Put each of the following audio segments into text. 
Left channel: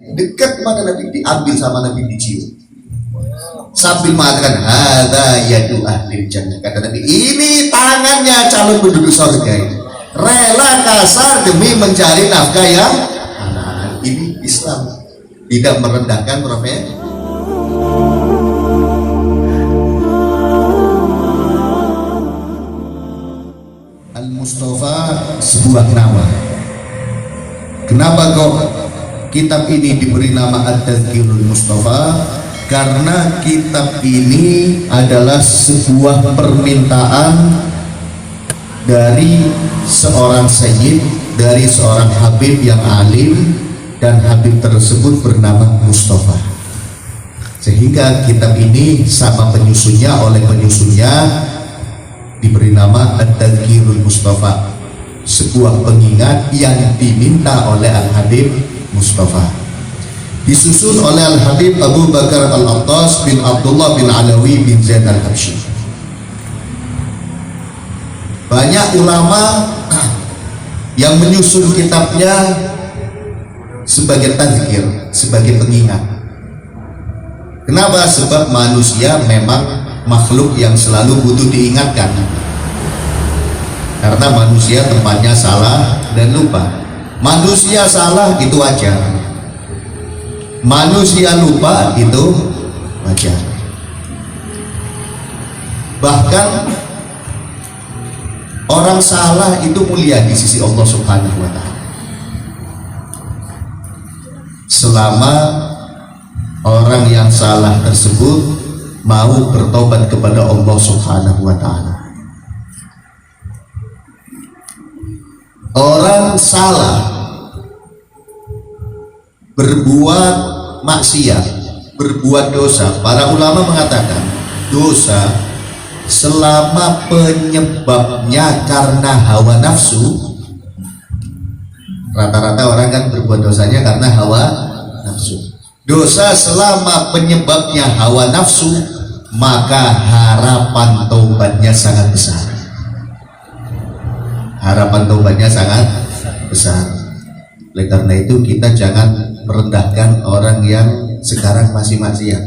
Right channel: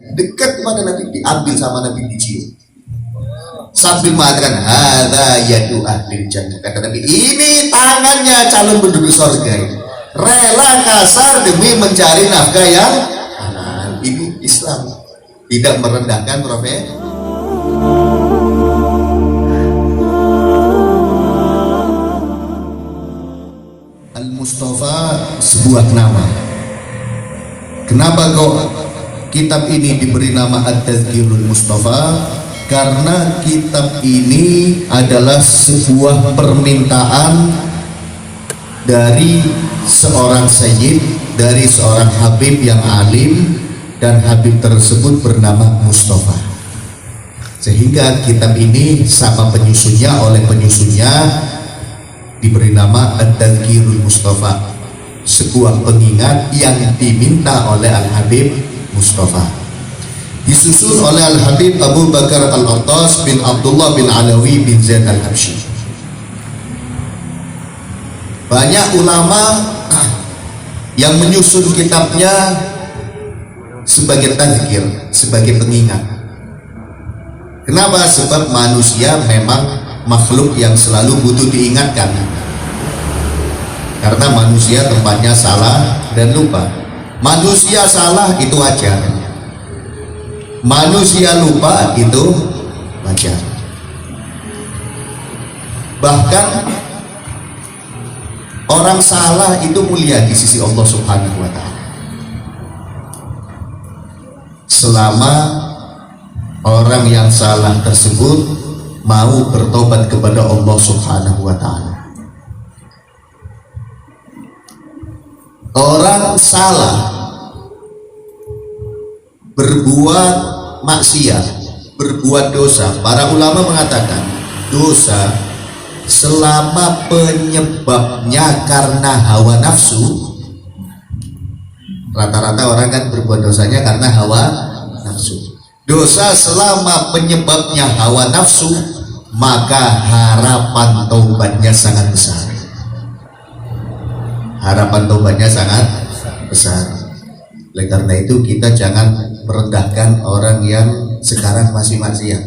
Dekat pada Nabi, diambil sama Nabi, dicium. Sambil makan, hadza yadu ahli jannah. Kata Nabi, ini tangannya calon penduduk surga ini. Rela kasar demi mencari nafkah yang halal. Ini Islam, tidak merendahkan profesi. Al-Mustafa sebuah nama. Kenapa kok kitab ini diberi nama At-Tadhkirul Mustafa? Karena kitab ini adalah sebuah permintaan dari seorang sayyid, dari seorang habib yang alim, dan habib tersebut bernama Mustafa. Sehingga kitab ini sama penyusunnya, oleh penyusunnya diberi nama At-Tadhkirul Mustafa, sebuah pengingat yang diminta oleh Al-Habib Mustafa. Disusun oleh Al-Habib Abu Bakar Al-Attas bin Abdullah bin Alawi bin Zaid Al-Habsyi. Banyak ulama yang menyusun kitabnya sebagai tadzkir, sebagai pengingat. Kenapa? Sebab manusia memang makhluk yang selalu butuh diingatkan. Karena manusia tempatnya salah dan lupa. Manusia salah itu wajar, manusia lupa itu wajar. Bahkan orang salah itu mulia di sisi Allah Subhanahu wa Ta'ala, selama orang yang salah tersebut mau bertobat kepada Allah Subhanahu wa Ta'ala. Orang salah berbuat maksiat, berbuat dosa, para ulama mengatakan dosa selama penyebabnya karena hawa nafsu. Rata-rata orang kan berbuat dosanya karena hawa nafsu. Dosa selama penyebabnya hawa nafsu, maka harapan taubatnya sangat besar. Harapan taubatnya sangat besar. Oleh karena itu kita jangan merendahkan orang yang sekarang masih maksiat.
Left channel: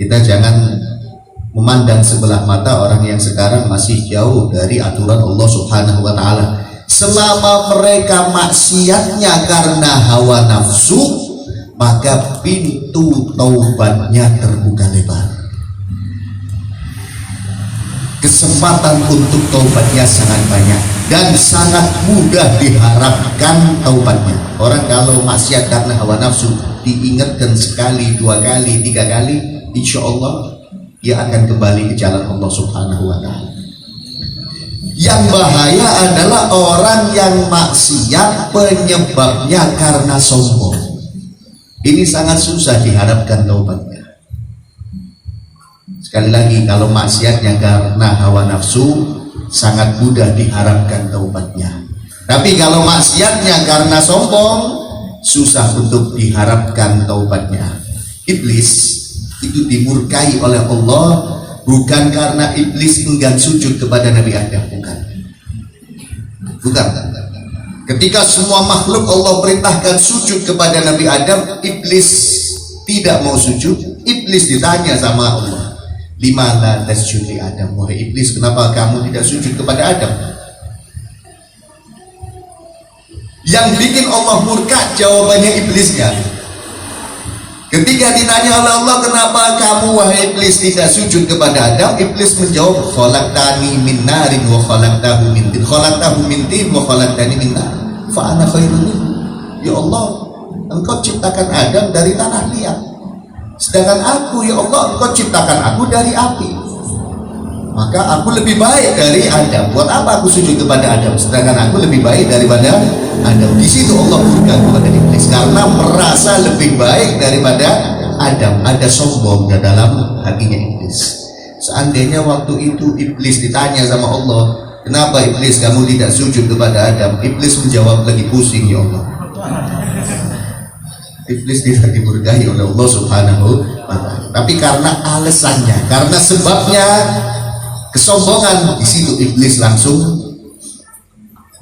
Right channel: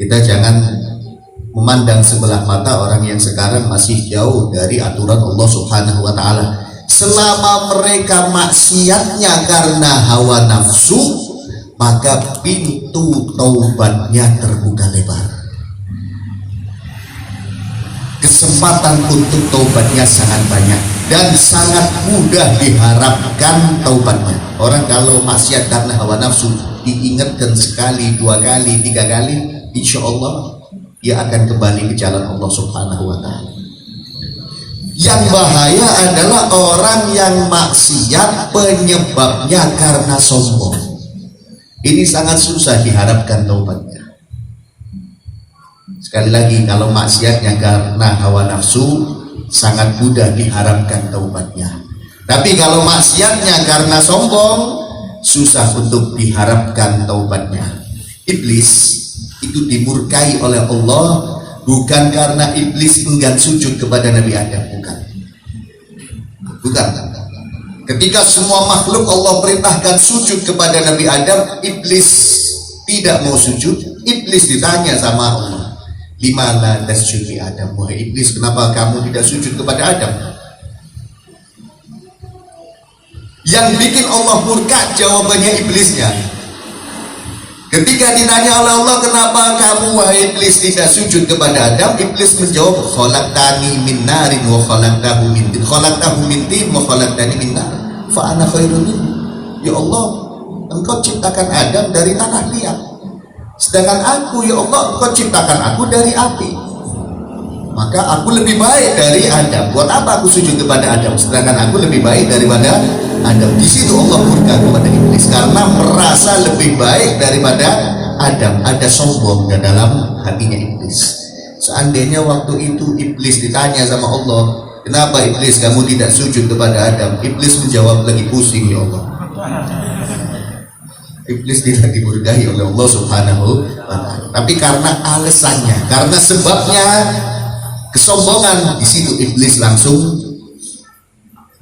Kita jangan memandang sebelah mata orang yang sekarang masih jauh dari aturan Allah Subhanahu wa Ta'ala. Selama mereka maksiatnya karena hawa nafsu, maka pintu taubatnya terbuka lebar. Kesempatan untuk taubatnya sangat banyak dan sangat mudah diharapkan taubatnya. Orang kalau maksiat karena hawa nafsu diingatkan sekali, dua kali, tiga kali, insya Allah dia akan kembali ke jalan Allah Subhanahu wa Ta'ala. Yang bahaya adalah orang yang maksiat penyebabnya karena sombong. Ini sangat susah diharapkan taubatnya. Sekali lagi, kalau maksiatnya karena hawa nafsu sangat mudah diharapkan taubatnya. Tapi kalau maksiatnya karena sombong, susah untuk diharapkan taubatnya. Iblis itu dimurkai oleh Allah bukan karena iblis enggan sujud kepada Nabi Adam, bukan. Ketika semua makhluk Allah perintahkan sujud kepada Nabi Adam, iblis tidak mau sujud. Iblis ditanya sama Allah, lima la tasjud li Adam, wahai iblis, kenapa kamu tidak sujud kepada Adam? Yang bikin Allah murka jawabannya iblisnya. Ketika ditanya oleh Allah, kenapa kamu wahai iblis tidak sujud kepada Adam? Iblis menjawab, khalaqtani min narin wa khalaqtahu min tin, khalaqtahu min tin wa khalaqtani min nar, fa ana khairun minhu. Ya Allah, engkau ciptakan Adam dari tanah liat, sedangkan aku, ya Allah, engkau ciptakan aku dari api. Maka aku lebih baik dari Adam. Buat apa aku sujud kepada Adam sedangkan aku lebih baik daripada Adam? Di situ Allah murka kepada iblis karena merasa lebih baik daripada Adam. Ada sombong di dalam hatinya iblis. Seandainya waktu itu iblis ditanya sama Allah, kenapa iblis kamu tidak sujud kepada Adam? Iblis menjawab, lagi pusing ya Allah. Iblis tidak dimurkai oleh Allah Subhanahu wa Ta'ala. Tapi karena alasannya, karena sebabnya, kesombongan, di situ iblis langsung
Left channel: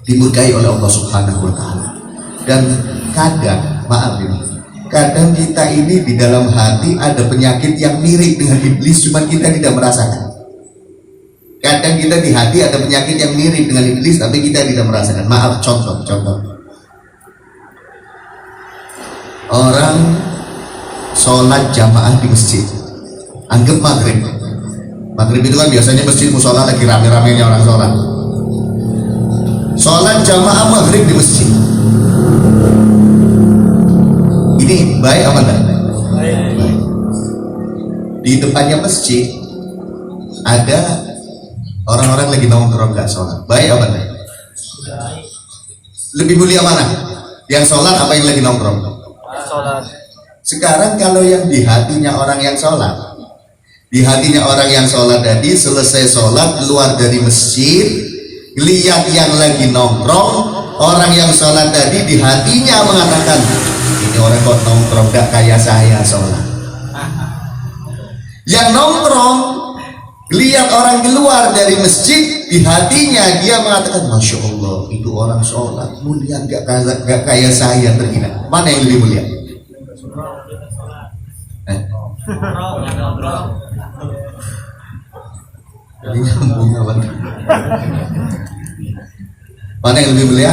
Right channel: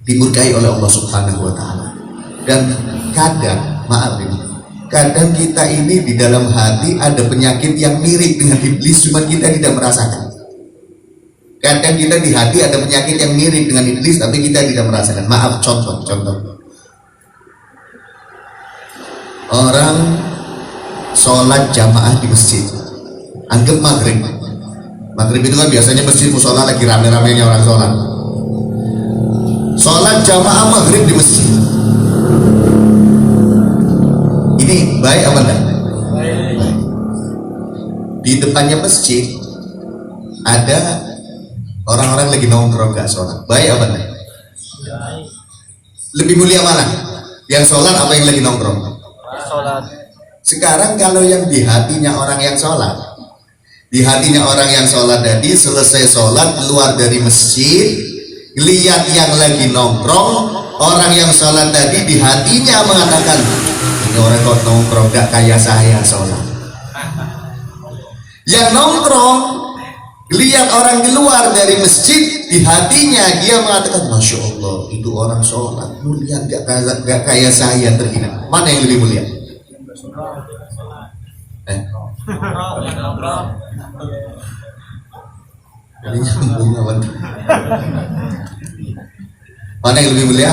dimurkai oleh Allah Subhanahu wa Ta'ala. Dan kadang maaf ini. Kadang kita ini di dalam hati ada penyakit yang mirip dengan iblis, cuma kita tidak merasakan. Kadang kita di hati ada penyakit yang mirip dengan iblis, tapi kita tidak merasakan. Maaf, contoh. Orang sholat jamaah di masjid, anggap maghrib. Maghrib itu kan biasanya masjid musola lagi rame-ramenya orang sholat. Sholat jamaah maghrib di masjid. Ini baik apa enggak? Baik. Di depannya masjid ada orang-orang lagi nongkrong nggak sholat. Baik apa enggak? Lebih mulia mana? Yang sholat apa yang lagi nongkrong? Sholat. Sekarang kalau yang di hatinya orang yang sholat, di hatinya orang yang sholat tadi selesai sholat keluar dari masjid, lihat yang lagi nongkrong, orang yang sholat tadi di hatinya mengatakan, ini orang kok nongkrong gak kayak saya sholat. Yang nongkrong lihat orang keluar dari masjid, di hatinya dia mengatakan, Masya Allah itu orang sholat mulia gak kayak saya, terhina. Mana yang lebih mulia? Ini nyambung kawan. Mana yang lebih mulia?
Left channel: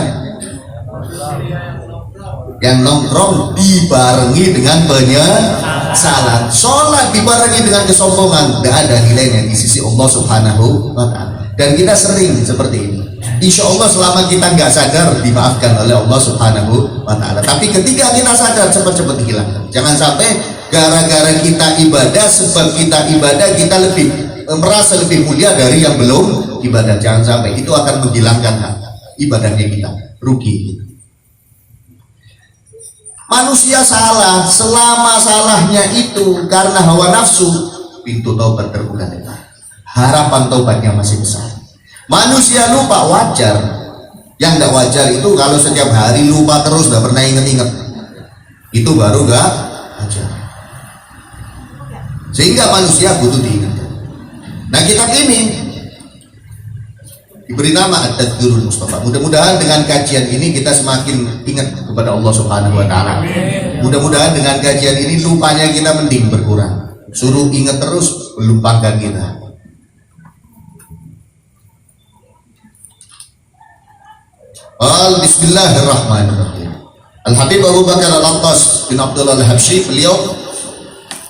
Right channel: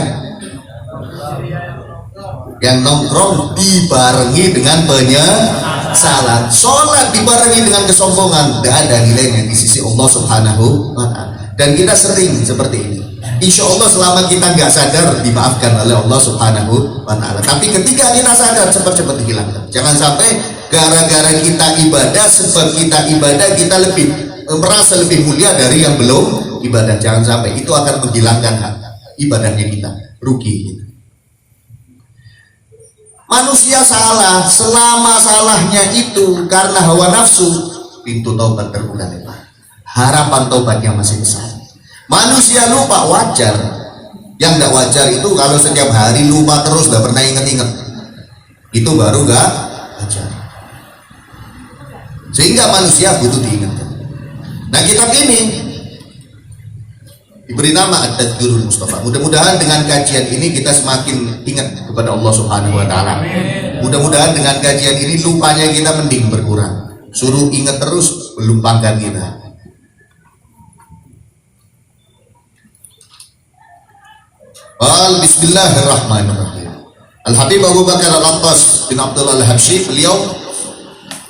Yang nongkrong dibarengi dengan penyesalan. Sholat dibarengi dengan kesombongan, tidak ada nilainya di sisi Allah Subhanahu wa Ta'ala. Dan kita sering seperti ini. Insya Allah selama kita nggak sadar dimaafkan oleh Allah Subhanahu wa Ta'ala. Tapi ketika kita sadar cepat-cepat dihilangkan. Jangan sampai gara-gara kita ibadah, sebab kita ibadah kita lebih merasa lebih mulia dari yang belum ibadah. Jangan sampai itu akan menghilangkan hak ibadahnya kita, rugi kita. Manusia salah, selama salahnya itu karena hawa nafsu, pintu taubat terbuka lebar. Harapan taubatnya masih besar. Manusia lupa, wajar. Yang tidak wajar itu kalau setiap hari lupa terus, tidak pernah ingat-ingat. Itu baru gak wajar. Sehingga manusia butuh diingatkan. Nah, kitab ini diberi nama At-Tadhkirul Mustafa. Mudah-mudahan dengan kajian ini kita semakin ingat kepada Allah Subhanahu wa Ta'ala. Mudah-mudahan dengan kajian ini lupanya kita mending berkurang. Suruh ingat terus, melupakan kita. Bismillahirrahmanirrahim. Al-Habib Abu Bakar Al-Attas bin Abdullah Al-Habsyi, beliau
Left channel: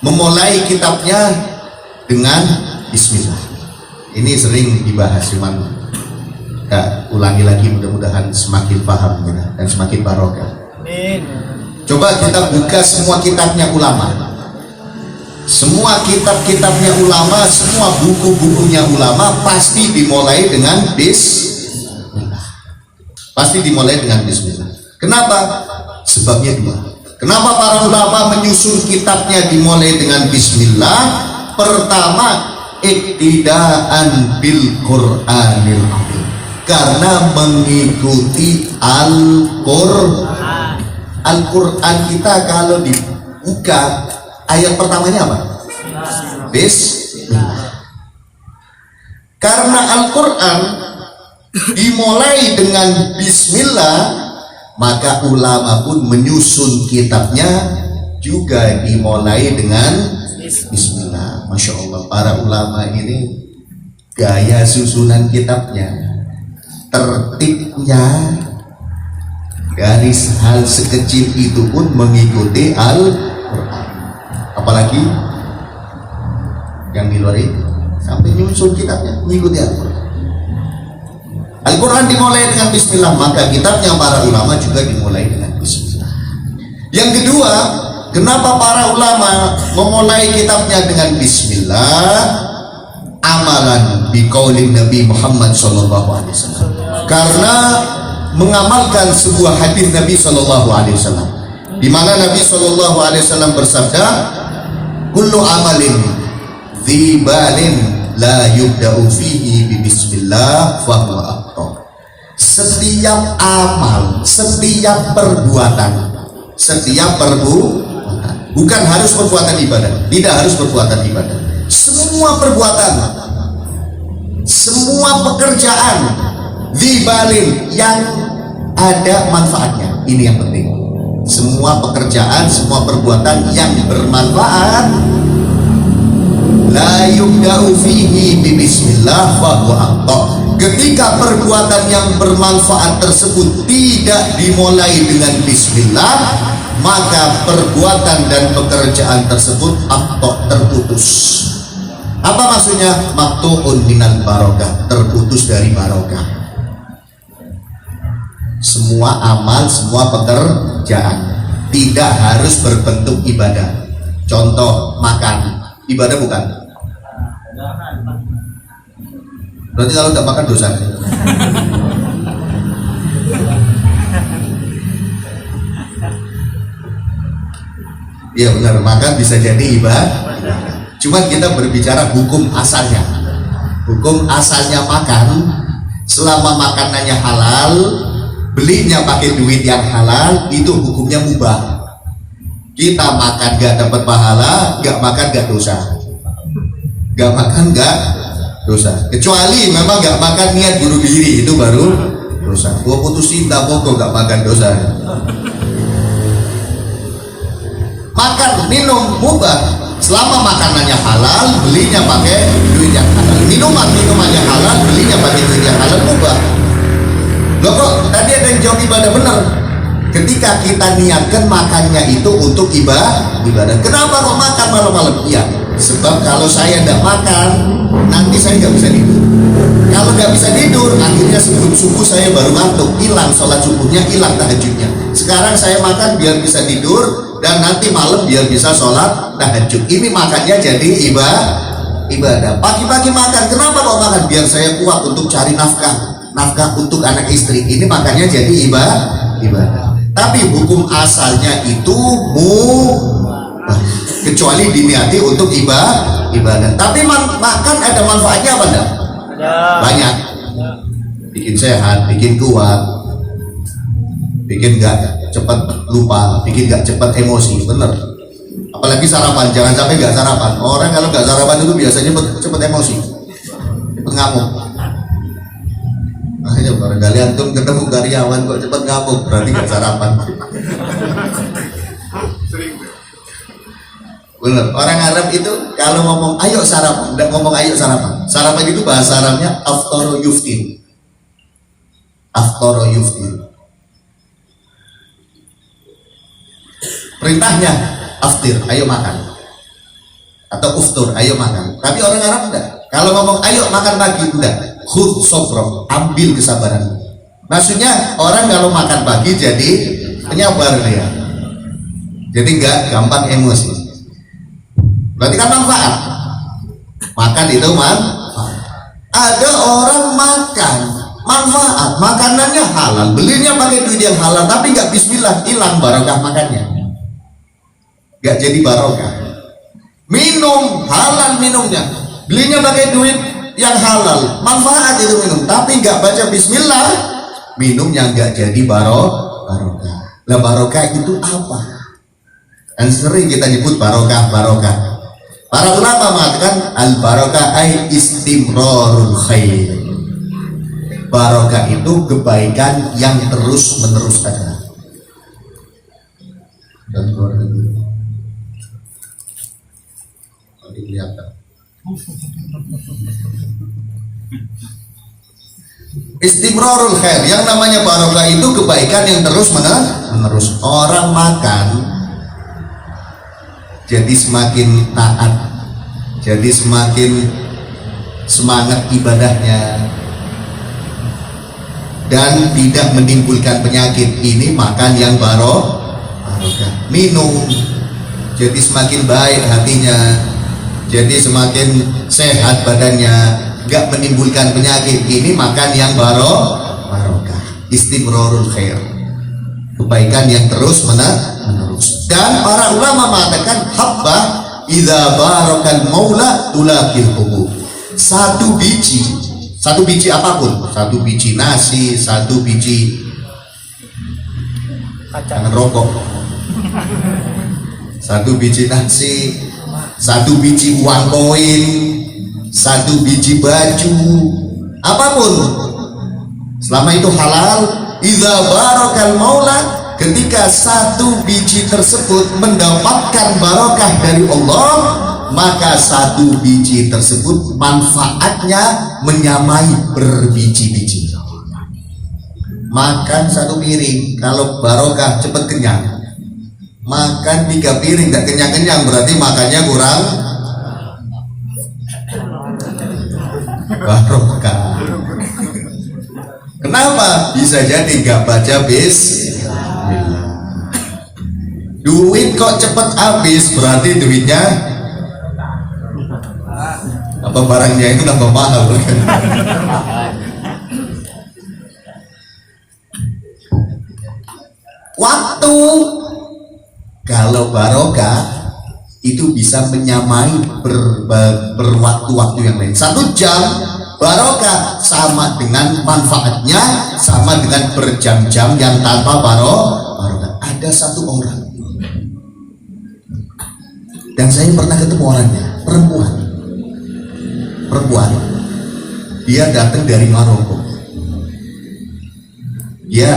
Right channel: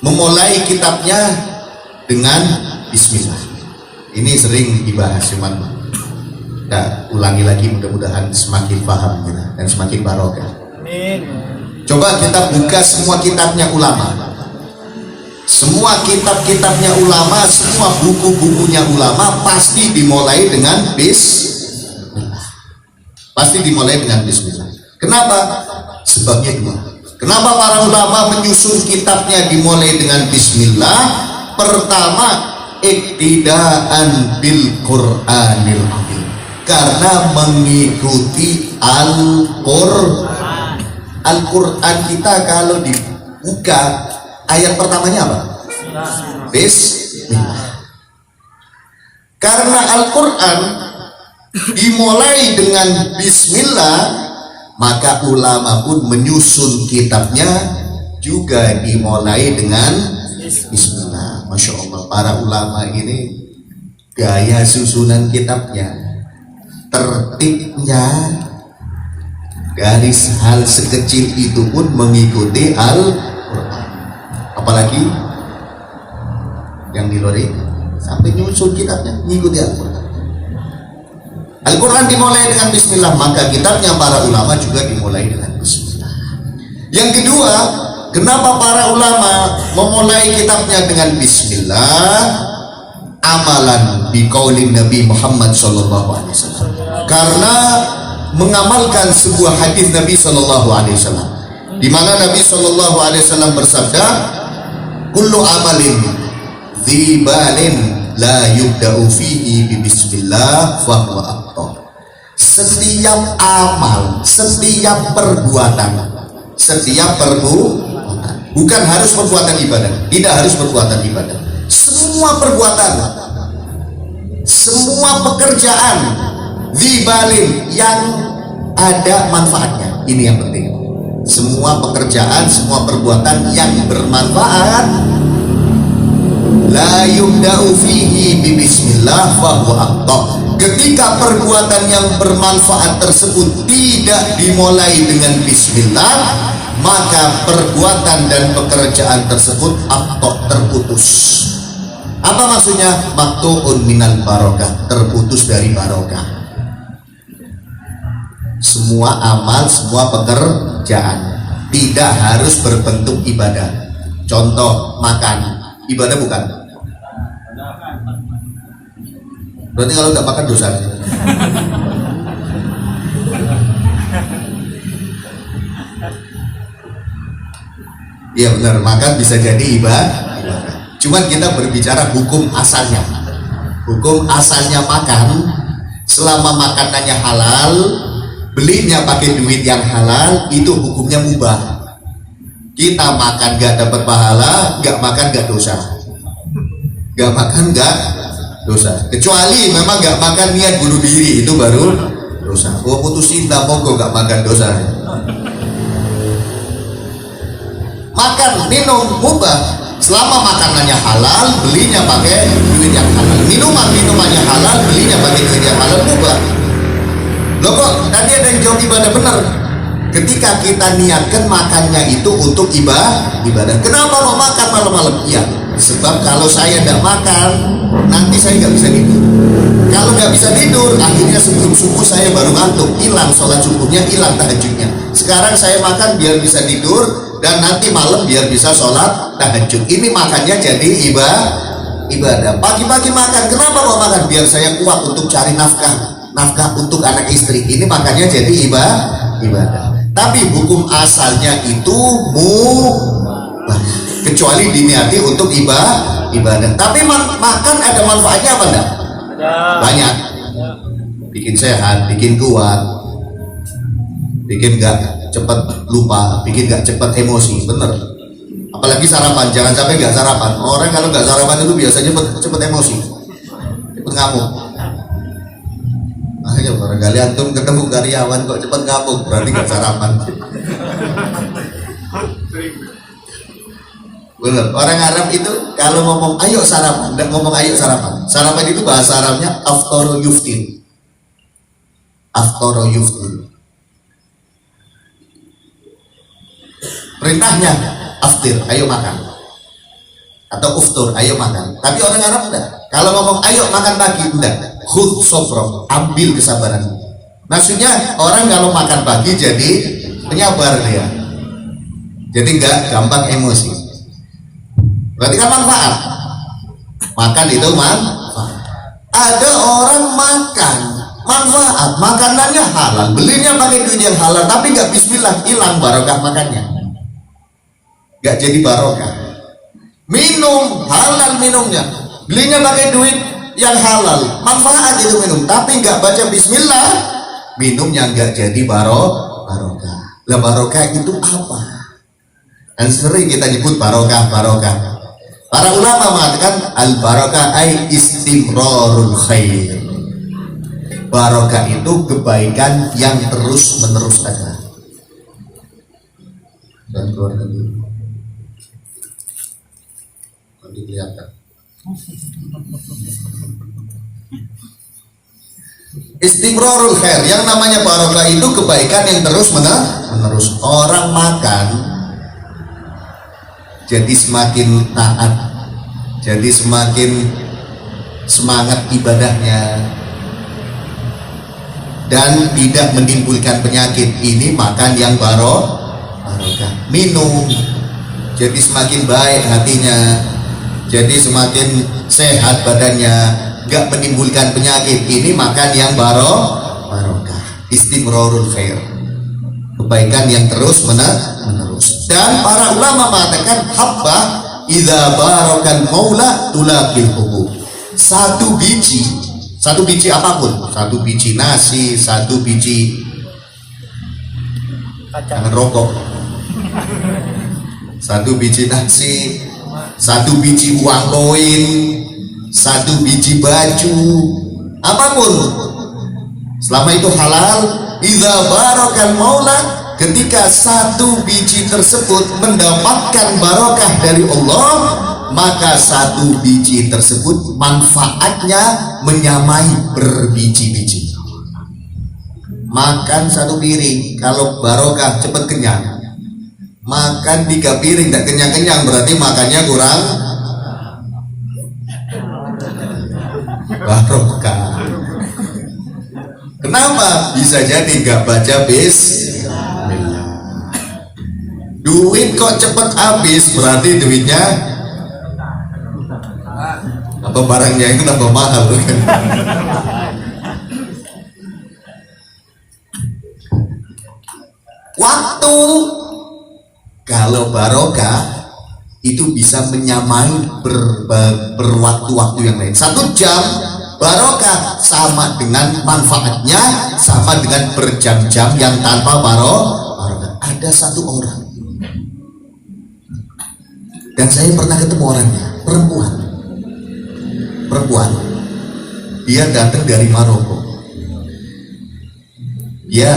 memulai kitabnya dengan Bismillah. Ini sering dibahas, cuman kita ulangi lagi, mudah-mudahan semakin paham kita dan semakin barokah. Amin. Coba kita buka semua kitabnya ulama. Semua kitab-kitabnya ulama, semua buku-bukunya ulama pasti dimulai dengan Bismillah. Pasti dimulai dengan Bismillah. Kenapa? Sebabnya dua. Kenapa para ulama menyusun kitabnya dimulai dengan Bismillah? Pertama, iktidaan bil Qur'anil Karim. Karena mengikuti Al-Qur'an. Al-Qur'an kita kalau dibuka, ayat pertamanya apa? Bismillah. Karena Al-Qur'an dimulai dengan Bismillah, maka ulama pun menyusun kitabnya juga dimulai dengan Bismillah. Masya Allah, para ulama ini gaya susunan kitabnya, tertibnya, dari hal sekecil itu pun mengikuti Al-Quran. Apalagi yang di luar itu sampai nyusun kitabnya mengikuti Al-Quran. Al-Quran dimulai dengan Bismillah, maka kitabnya para ulama juga dimulai dengan Bismillah. Yang kedua, kenapa para ulama memulai kitabnya dengan Bismillah? Amalan biqaulin Nabi Muhammad SAW. Karena mengamalkan sebuah hadis Nabi SAW, di mana Nabi SAW bersabda, kullu amalin dzibalin la yubda'u fihi bi bismillah fa huwa aqta. Setiap amal, setiap perbuatan, bukan harus perbuatan ibadah, tidak harus perbuatan ibadah. Semua perbuatan, semua pekerjaan dzibalin yang ada manfaatnya. Ini yang penting. semua pekerjaan, semua perbuatan yang bermanfaat, la yubda'u fihi bismillah wa huwa aqta. Ketika perbuatan yang bermanfaat tersebut tidak dimulai dengan bismillah, maka perbuatan dan pekerjaan tersebut aqta, terputus. Apa maksudnya? Maqtu'un minal barokah, terputus dari barokah. Semua amal, semua pekerjaan tidak harus berbentuk ibadah. Contoh, makan, ibadah bukan? Berarti kalau tidak makan dosa. Iya benar, makan bisa jadi ibadah. Cuman kita berbicara hukum asalnya. Hukum asalnya makan, selama makanannya halal, belinya pakai duit yang halal, itu hukumnya mubah. Kita makan gak dapat pahala, gak makan gak dosa. Gak makan gak dosa. Kecuali memang gak makan niat bunuh diri, itu baru dosa. Gua putus cinta pokok gak makan dosa. Makan, minum, mubah. Selama makanannya halal, belinya pakai duit yang halal. Minumannya halal, belinya pakai duit yang halal, mubah. Loh kok tadi ada yang jawab ibadah, benar. Ketika kita niatkan makannya itu untuk ibadah. Kenapa kok makan malam-malam? Iya, sebab kalau saya tidak makan, nanti saya nggak bisa tidur. Kalau nggak bisa tidur, akhirnya sebelum subuh saya baru ngantuk, hilang sholat subuhnya, hilang tahajudnya. Sekarang saya makan biar bisa tidur, dan nanti malam biar bisa sholat tahajud. Ini makannya jadi ibadah. Pagi-pagi makan, kenapa kok makan? Biar saya kuat untuk cari nafkah untuk anak istri. Ini makannya jadi ibadah. Tapi hukum asalnya itu kecuali diniati untuk ibadah. Tapi makan ada manfaatnya apa enggak? Banyak. Bikin sehat, bikin kuat, bikin gak cepat lupa, bikin gak cepat emosi, bener. Apalagi sarapan, jangan sampai gak sarapan. Orang kalau gak sarapan itu biasanya cepat emosi, cepat ngamuk. Makanya barangkali antum ketemu karyawan kok cepat ngamuk, berarti gak sarapan. Bener. Orang Arab itu kalau ngomong ayo sarapan, tidak ngomong ayo sarapan. Sarapan itu bahasa Arabnya aftara yuftin. Aftara yuftin. Perintahnya aftir, ayo makan. Atau uftur, ayo makan. Tapi orang Arab enggak. Kalau ngomong ayo makan pagi, udah khudh sofro, ambil kesabaran. Maksudnya orang kalau makan pagi jadi penyabar dia. Jadi enggak gampang emosi. Berarti kan manfaat. Makan itu manfaat. Ada orang makan manfaat, makanannya halal, belinya pakai duit yang halal, tapi enggak bismillah, hilang barokah makannya. Gak jadi barokah. Minum halal minumnya, belinya pakai duit yang halal, manfaat itu minum, tapi nggak baca bismillah, minumnya nggak jadi barokah. Lah barokah itu apa? Dan sering kita nyebut barokah. Para ulama mengatakan al barokah ay istimrarul khair. Barokah itu kebaikan yang terus menerus ada. Dan keluarga dulu. Kelihatan. Istimrarul khair, yang namanya barokah itu kebaikan yang terus menerus. Orang makan jadi semakin taat, jadi semakin semangat ibadahnya, dan tidak menimbulkan penyakit. Ini makan yang barokah. Minum jadi semakin baik hatinya, jadi semakin sehat badannya, gak menimbulkan penyakit. Ini makan yang barokah. Istimrarul khair, kebaikan yang terus menerus. Dan para ulama mengatakan habba idza barakan maula tulaqil hubub. Satu biji apapun, satu biji nasi, satu biji jangan rokok, satu biji nasi, satu biji uang koin, satu biji baju, apapun selama itu halal, idza barakal maula, ketika satu biji tersebut mendapatkan barokah dari Allah, maka satu biji tersebut manfaatnya menyamai berbiji-biji. Makan satu piring, kalau barokah cepat kenyang. Makan 3 piring dan kenyang-kenyang, berarti makannya kurang barokah. Kenapa? Bisa jadi gak baca bismillah. Duit kok cepet habis, berarti duitnya apa, barangnya itu tambah mahal kan? Waktu, kalau barokah itu bisa menyamai berwaktu-waktu yang lain. 1 jam barokah sama dengan manfaatnya sama dengan berjam-jam yang tanpa barokah. Ada satu orang, dan saya pernah ketemu orangnya, perempuan, dia datang dari Maroko. Dia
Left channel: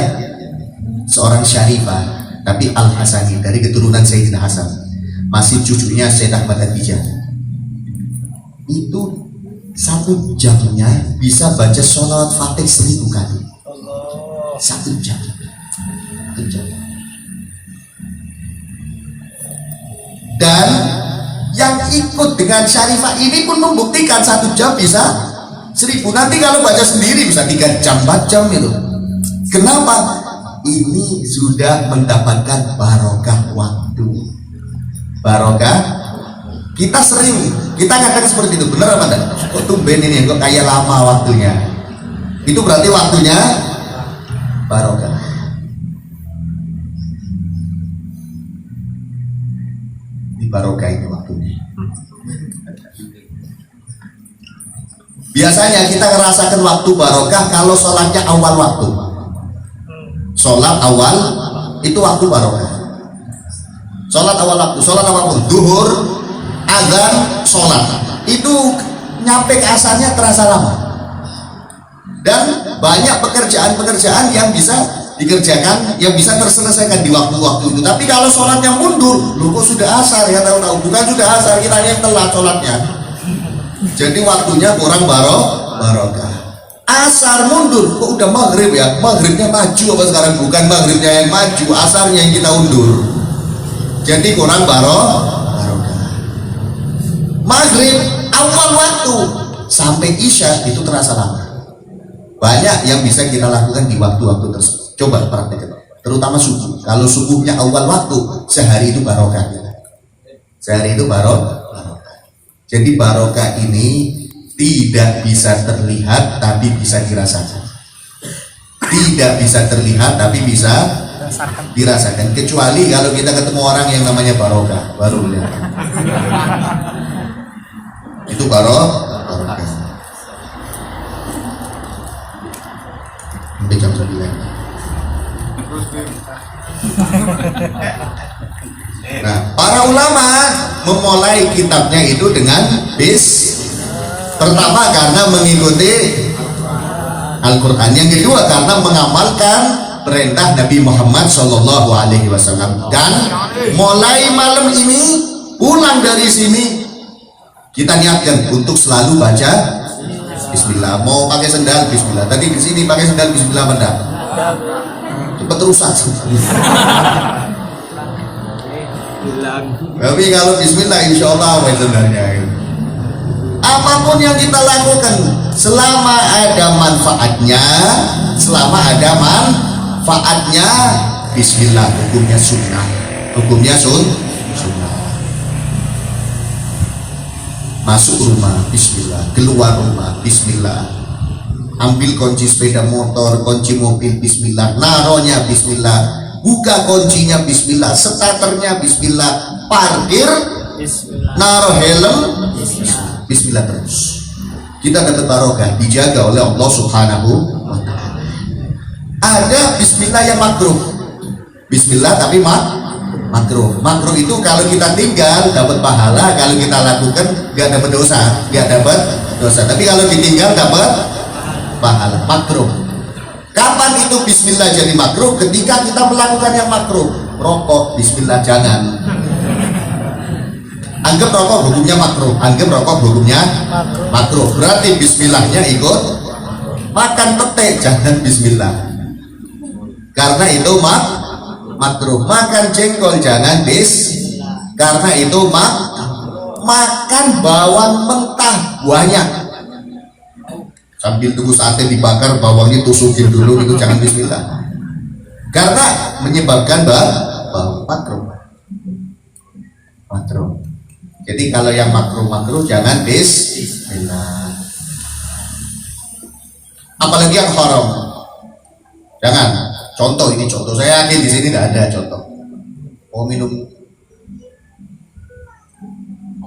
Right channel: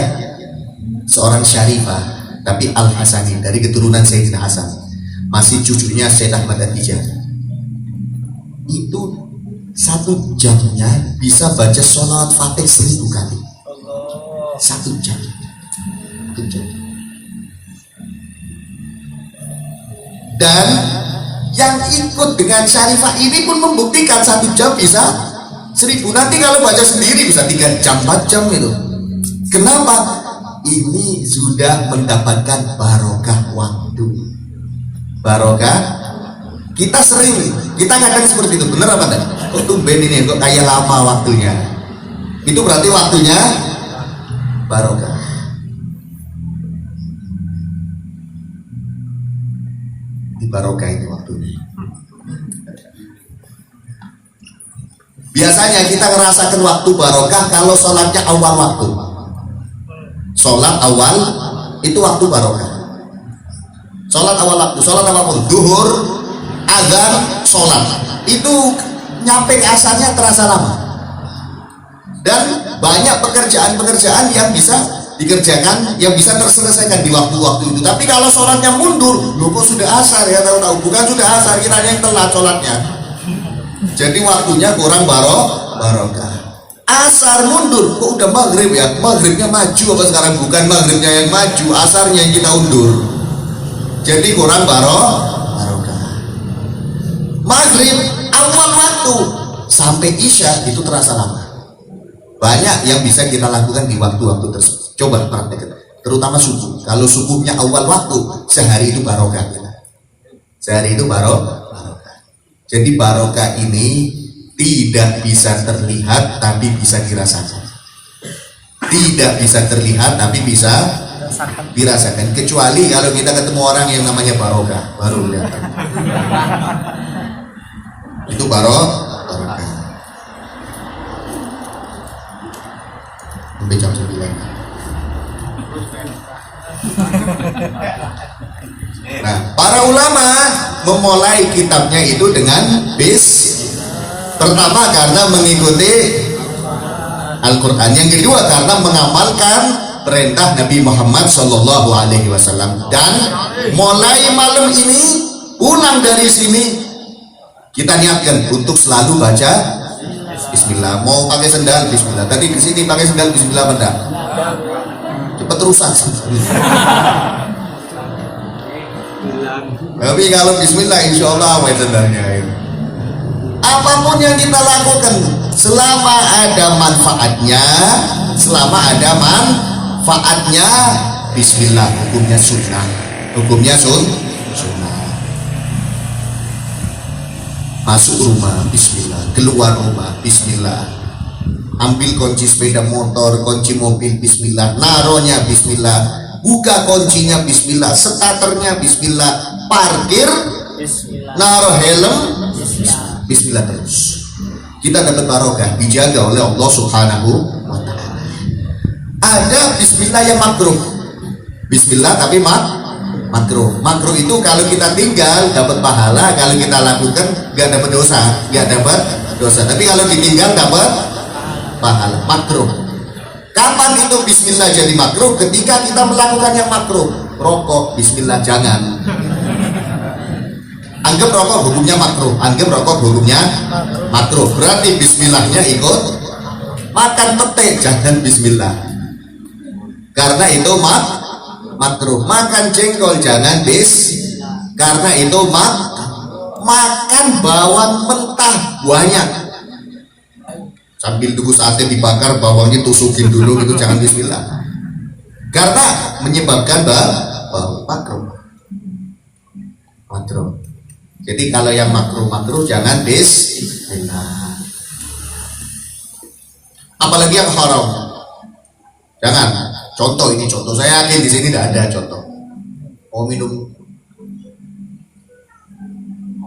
seorang syarifah, tapi Al-Hasani, dari keturunan Sayyidina Hasan, masih cucunya Syed Ahmad Atijah. Itu 1 jamnya bisa baca sholawat Fatih 1000 kali. 1 jam. 1 jam. Dan yang ikut dengan syarifah ini pun membuktikan 1 jam bisa 1000. Nanti kalau baca sendiri bisa 3 jam, 4 jam itu. Kenapa? Ini sudah mendapatkan barokah waktu. Barokah. Kita kadang seperti itu, benar apa enggak? Kok tumben ini, kok kayak lama waktunya? Itu berarti waktunya barokah. Di barokah ini waktunya. Biasanya kita merasakan waktu barokah kalau sholatnya awal waktu. Sholat awal itu waktu barokah. Sholat awal waktu, duhur, azan, sholat itu nyampe ke asalnya terasa lama. Dan banyak pekerjaan-pekerjaan yang bisa dikerjakan, yang bisa terselesaikan di waktu-waktu itu. Tapi kalau sholatnya mundur, loh kok sudah asar ya, tahu bukan sudah asar, kita yang telat sholatnya. Jadi waktunya kurang barokah. Asar mundur, kok udah maghrib ya? Maghribnya maju apa sekarang? Bukan maghribnya yang maju, asarnya yang kita undur. Jadi kurang barokah. Maghrib awal waktu sampai isya itu terasa lama. Banyak yang bisa kita lakukan di waktu-waktu tersebut. Coba praktekkan, terutama subuh. Kalau subuhnya awal waktu, sehari itu barokah kita. Sehari itu barokah. Jadi barokah ini tidak bisa terlihat tapi bisa dirasakan. Tidak bisa terlihat tapi bisa dirasakan. Kecuali kalau kita ketemu orang yang namanya barokah, baru lihat. Itu barokah. Sampai jam 9. Nah, para ulama memulai kitabnya itu dengan pertama karena mengikuti Al-Quran, yang kedua karena mengamalkan perintah Nabi Muhammad SAW. Dan mulai malam ini, pulang dari sini, kita niatkan untuk selalu baca Bismillah. Mau pakai sendal Bismillah. Tadi di sini pakai sendal Bismillah benar. Cepat rusak. Tapi kalau Bismillah insya Allah awet sendalnya. Apapun yang kita lakukan, selama ada manfaatnya, Bismillah, hukumnya sunnah. Masuk rumah Bismillah, keluar rumah Bismillah, ambil kunci sepeda motor, kunci mobil Bismillah, naronya Bismillah, buka kuncinya Bismillah, starternya Bismillah, parkir Bismillah, naruh helm Bismillah terus. Kita dapat barokah, dijaga oleh Allah Subhanahu wa Ta'ala. Ada Bismillah yang makruh, Bismillah tapi makruh. Makruh itu kalau kita tinggal dapat pahala, kalau kita lakukan nggak dapat dosa. Tapi kalau ditinggal dapat pahala. Makruh. Kapan itu bismillah jadi makruh? Ketika kita melakukan yang makruh. Rokok, bismillah jangan. Anggap rokok hukumnya makruh, anggap rokok hukumnya makruh. Berarti bismillahnya ikut. Makan pete jangan bismillah. Karena itu makruh. Makan jengkol jangan karena itu makan bawang mentah banyak. Sambil tunggu sate dibakar, bawangnya tusukin dulu, itu jangan bismillah. Karena menyebabkan makruh. Jadi kalau yang makruh jangan bismillah. Apalagi yang haram. Jangan. Contoh, ini contoh. Saya yakin di sini tidak ada contoh. Mau minum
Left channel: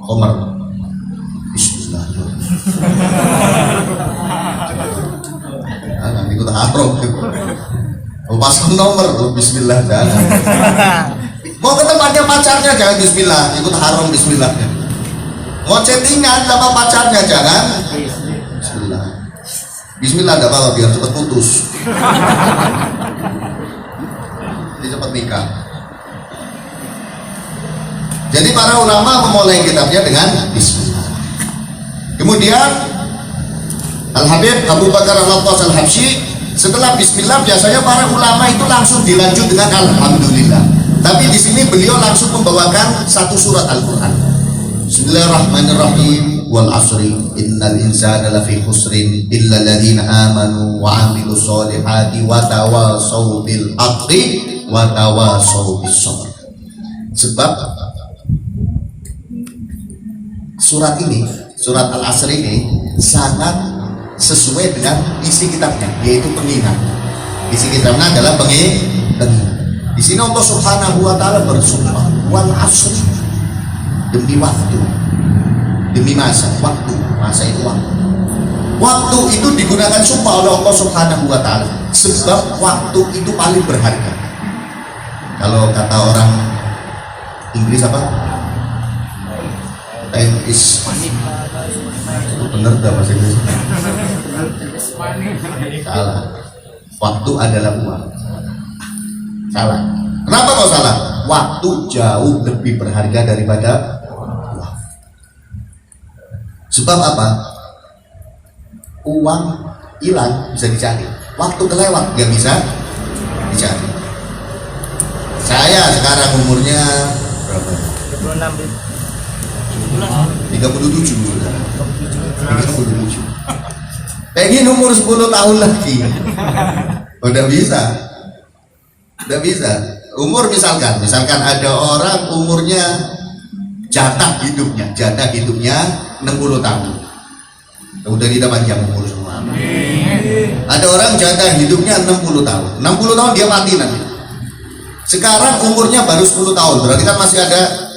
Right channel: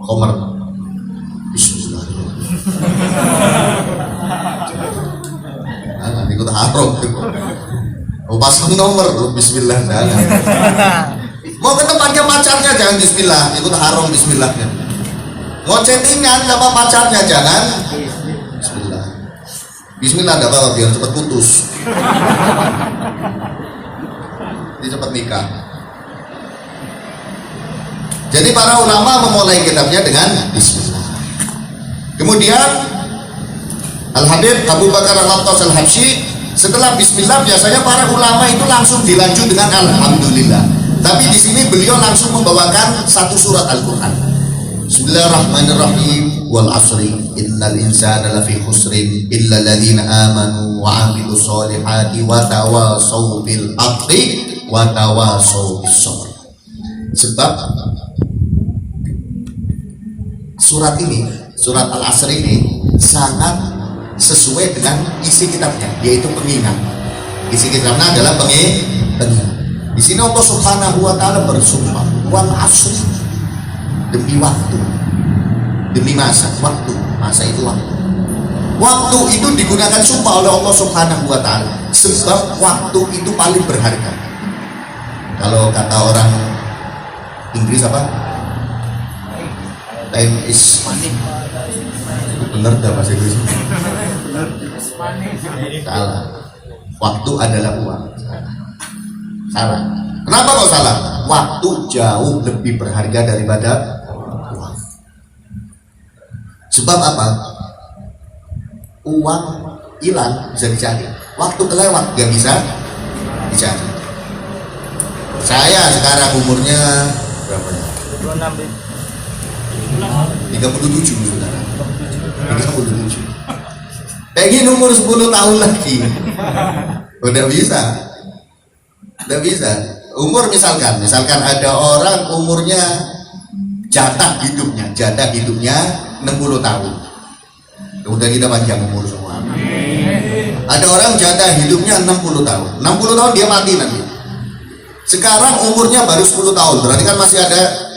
khamr, bismillah. Nah, ikut haram. Mau pasang nomor, bismillah jangan. Mau ke tempatnya pacarnya jangan bismillah, ikut haram bismillahnya. Mau chattingan sama pacarnya jangan bismillah. Bismillah enggak apa-apa biar cepat putus. Jadi cepat nikah. Jadi para ulama memulai kitabnya dengan bismillah. Kemudian Al-Habib Abu Bakar Al-Attas Al-Habsyi, setelah bismillah biasanya para ulama itu langsung dilanjut dengan alhamdulillah. Tapi di sini beliau langsung membawakan satu surat Al-Qur'an. Bismillahirrahmanirrahim. Wal asri innal insana lafi khusrin illa alladziina amanu wa 'amilus solihati wa tawashaw bil haqqi wa tawashaw bis sabr. Sebab surat ini, surat Al-Asr ini sangat sesuai dengan isi kitabnya, yaitu pengingat. Isi kitabnya adalah pengingat. Di sini Allah Subhanahu wa taala bersumpah, wal asri, demi waktu, demi masa itu waktu. Waktu itu digunakan sumpah oleh Allah Subhanahu wa taala sebab waktu itu paling berharga. Kalau kata orang Inggris apa? Time is, benar dah bahasa Inggris? Salah. Waktu adalah uang. Salah. Kenapa kok salah? Waktu jauh lebih berharga daripada uang. Sebab apa? Uang hilang bisa dicari, waktu kelewat nggak bisa dicari. Saya sekarang umurnya berapa? 37 sekarang. 37. Pengen umur 10 tahun lagi. Udah bisa. Udah bisa. Umur misalkan ada orang umurnya jatah hidupnya 60 tahun. Udah kita panjang umur semua. Ada orang jatah hidupnya 60 tahun. 60 tahun dia mati nanti. Sekarang umurnya baru 10 tahun, berarti kan masih ada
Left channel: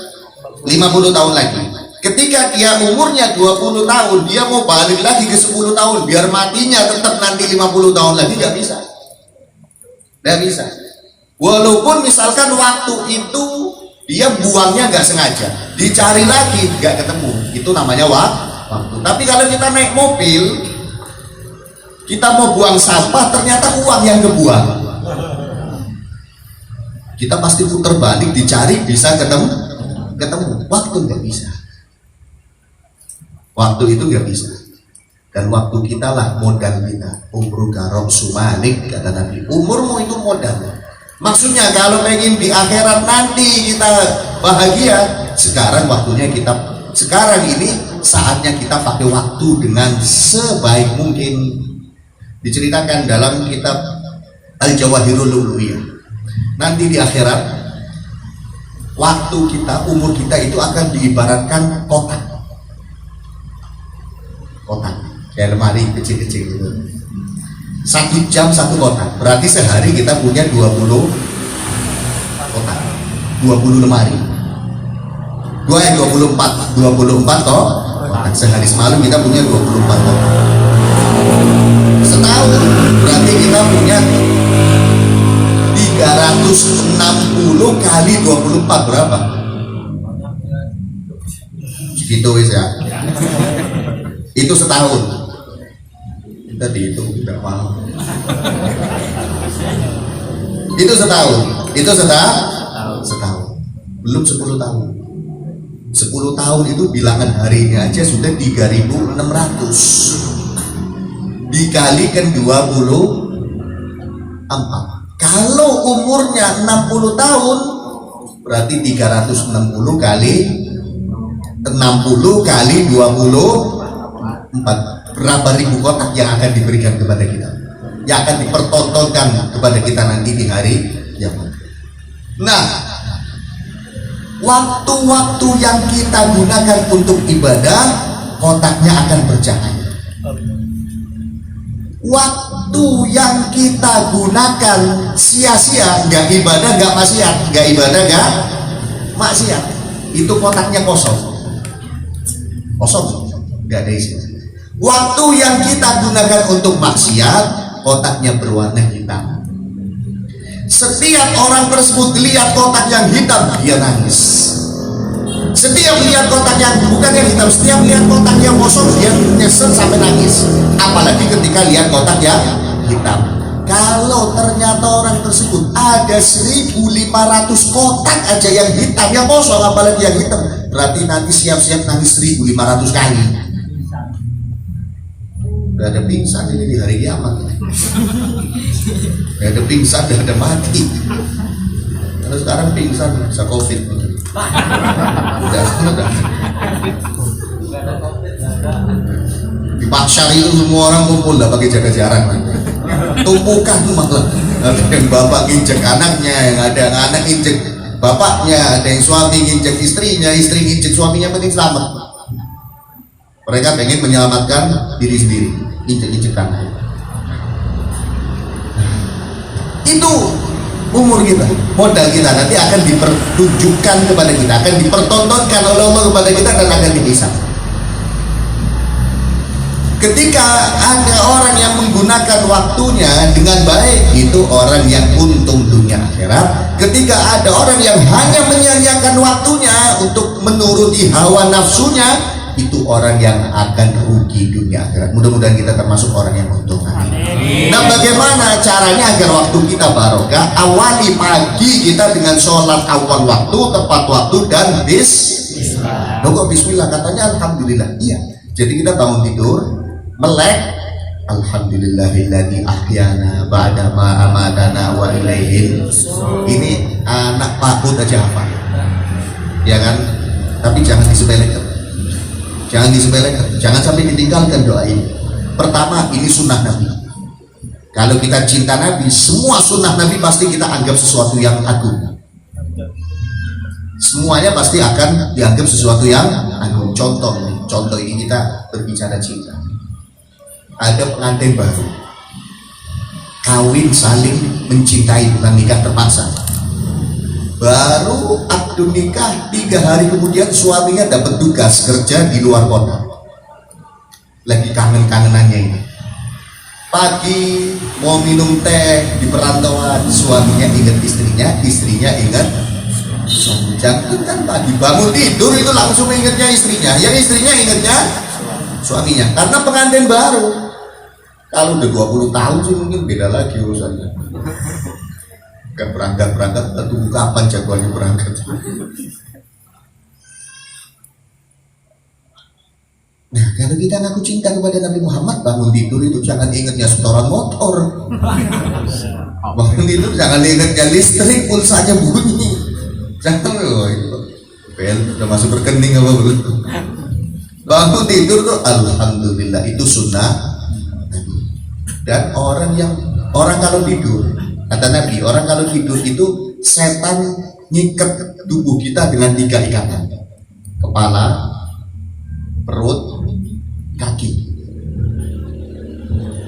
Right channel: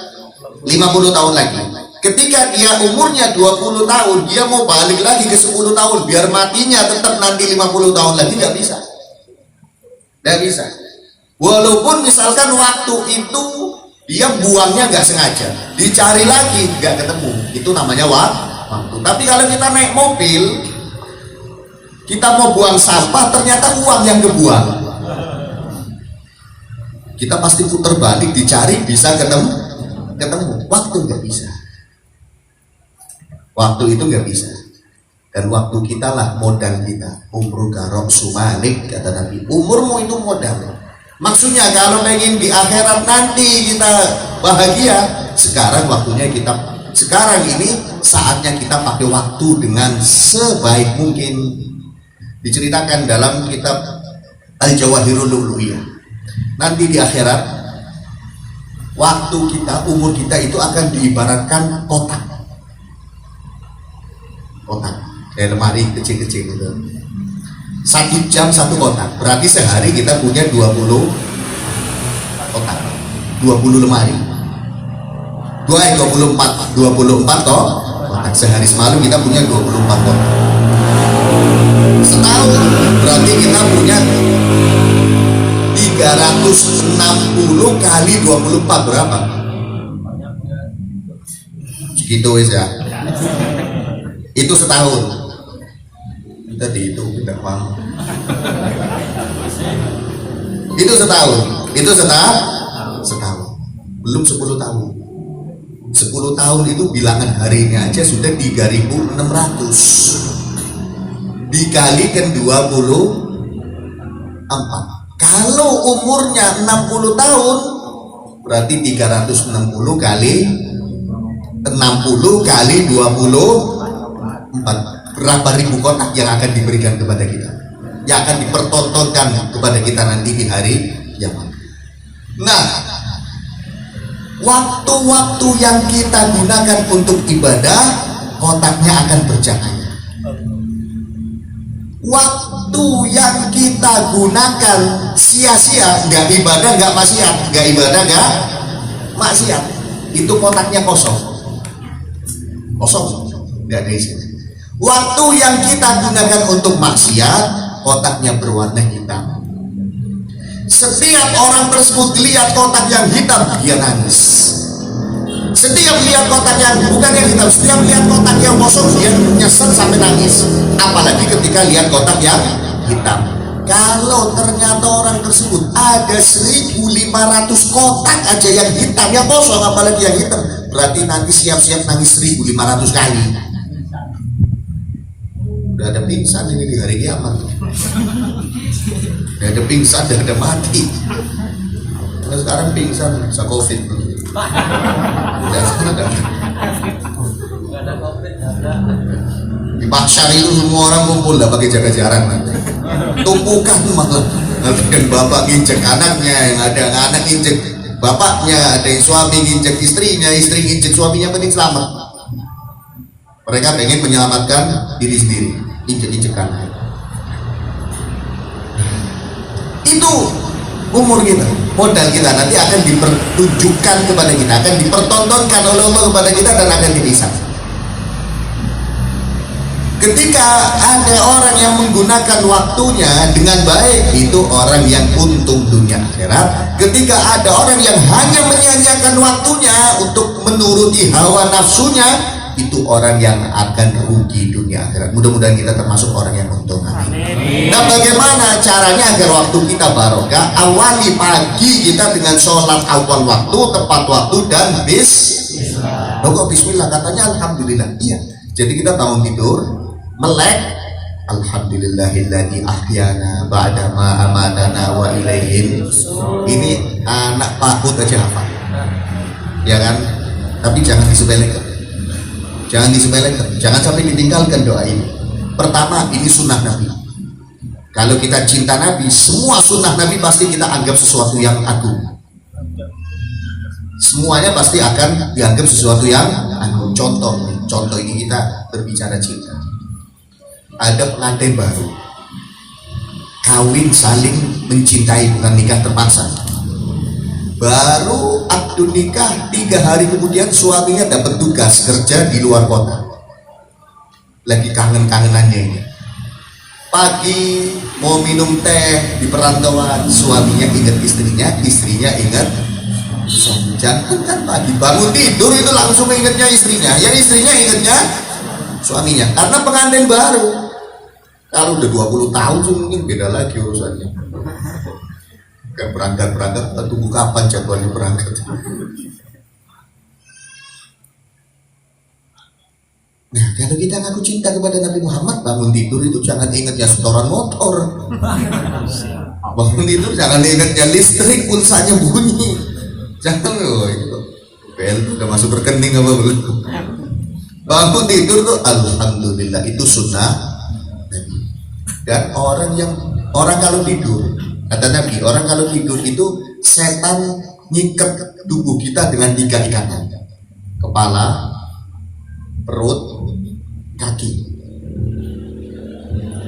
50 tahun lagi. Ketika dia umurnya 20 tahun, dia mau balik lagi ke 10 tahun biar matinya tetap nanti 50 tahun lagi, nggak bisa. Nggak bisa. Walaupun misalkan waktu itu dia buangnya nggak sengaja, dicari lagi nggak ketemu, itu namanya waktu. Tapi kalau kita naik mobil, kita mau buang sampah, ternyata uang yang kebuang, kita pasti putar balik dicari, bisa ketemu. Waktu nggak bisa. Waktu itu nggak bisa. Dan waktu kita lah modal kita. Umru garok sumanik, kata Nabi. Umurmu itu modal. Maksudnya kalau ingin di akhirat nanti kita bahagia, sekarang waktunya kita, sekarang ini saatnya kita pakai waktu dengan sebaik mungkin. Diceritakan dalam kitab Al-Jawahirul Lu'lu'iyah. Nanti di akhirat, waktu kita, umur kita itu akan diibaratkan kotak. Kotak, kayak lemari kecil-kecil gitu. 1 jam 1 kotak, berarti sehari kita punya 20 kotak, 20 lemari. 24 kotak, sehari semalam kita punya 24 kotak. Setahun berarti kita punya 360 kali 24 berapa? Segitu ya. Itu setahun. Kita dihitung tidak mau. Itu setahun. Itu setahun. Belum 10 tahun. 10 tahun itu bilangan harinya aja sudah 3.600. Dikalikan 24. Kalau umurnya 60 tahun berarti 360 kali 60 kali 24. Berapa ribu kotak yang akan diberikan kepada kita, yang akan dipertontonkan kepada kita nanti di hari kiamat. Nah, waktu-waktu yang kita gunakan untuk ibadah, kotaknya akan bercahaya. Waktu yang kita gunakan sia-sia, nggak ibadah, nggak maksiat, nggak ibadah, nggak maksiat, itu kotaknya kosong, nggak ada isi. Waktu yang kita gunakan untuk maksiat, kotaknya berwarna hitam. Setiap orang tersebut lihat kotak yang hitam, dia nangis. Setiap lihat kotak yang bukan yang hitam, setiap lihat kotak yang kosong, dia nyesel sampai nangis. Apalagi ketika lihat kotak yang hitam. Kalau ternyata orang tersebut ada 1.500 kotak aja yang hitam, yang kosong, apalagi yang hitam, berarti nanti siap-siap nangis 1.500 kali. Udah ada pingsan ini di hari kiamat. Udah ada pingsan, udah ada mati. Terus sekarang pingsan, bisa COVID. Udah ada. Gak ada COVID, gak ada. Di Paksa itu semua orang kumpul, gak pakai jaga jarak nanti. Tumpukan malah. Ada yang bapak nginjek anaknya, yang ada anak nginjek bapaknya, ada yang suami nginjek istrinya, istri nginjek suaminya, penting selamat. Mereka pengen menyelamatkan diri sendiri, injek-injekan. Itu umur kita, modal kita nanti akan dipertunjukkan kepada kita, akan dipertontonkan oleh Allah kepada kita dan akan dihisab. Ketika ada orang yang menggunakan waktunya dengan baik, itu orang yang untung dunia akhirat. Ketika ada orang yang hanya menyia-nyiakan waktunya untuk menuruti hawa nafsunya, itu orang yang akan rugi dunia akhirat. Mudah-mudahan kita termasuk orang yang untung. Nah, bagaimana caranya agar waktu kita barokah? Awali pagi kita dengan sholat awal waktu, tepat waktu, dan bismillah. Kok bismillah? Katanya alhamdulillah. Iya. Jadi kita bangun tidur, melek, alhamdulillahilladzi ahyana ba'da ma amatana wa ilaihin. Ini anak pakut aja hafal, ya kan? Tapi jangan disepelekan. Jangan disepelekan, jangan sampai ditinggalkan doa ini. Pertama, ini sunnah Nabi. Kalau kita cinta Nabi, semua sunnah Nabi pasti kita anggap sesuatu yang agung. Semuanya pasti akan dianggap sesuatu yang agung. Contoh ini kita berbicara cinta. Ada pengantin baru, kawin saling mencintai, bukan nikah terpaksa. Baru akad nikah 3 hari kemudian suaminya dapat tugas kerja di luar kota. Lagi kangen-kangenannya ini. Pagi mau minum teh di perantauan, suaminya ingat istrinya, istrinya ingat suami. Jangan kan pagi bangun tidur itu langsung ingatnya istrinya, yang istrinya ingatnya suaminya. Karena pengantin baru. Kalau udah 20 tahun sih mungkin beda lagi urusannya. Kan berangkat tunggu kapan jagoannya berangkat. Nah, kalau kita ngaku cinta kepada Nabi Muhammad, bangun tidur itu jangan ingatnya setoran motor. Bangun tidur jangan ingatnya listrik pun saja bunyi. Jangan loh itu. Bel udah masuk rekening apa belum? Bangun tidur tuh alhamdulillah, itu sunnah. Dan orang kalau tidur, kata Nabi, orang kalau tidur itu setan nyikat tubuh kita dengan 3 ikatan: kepala, perut, kaki.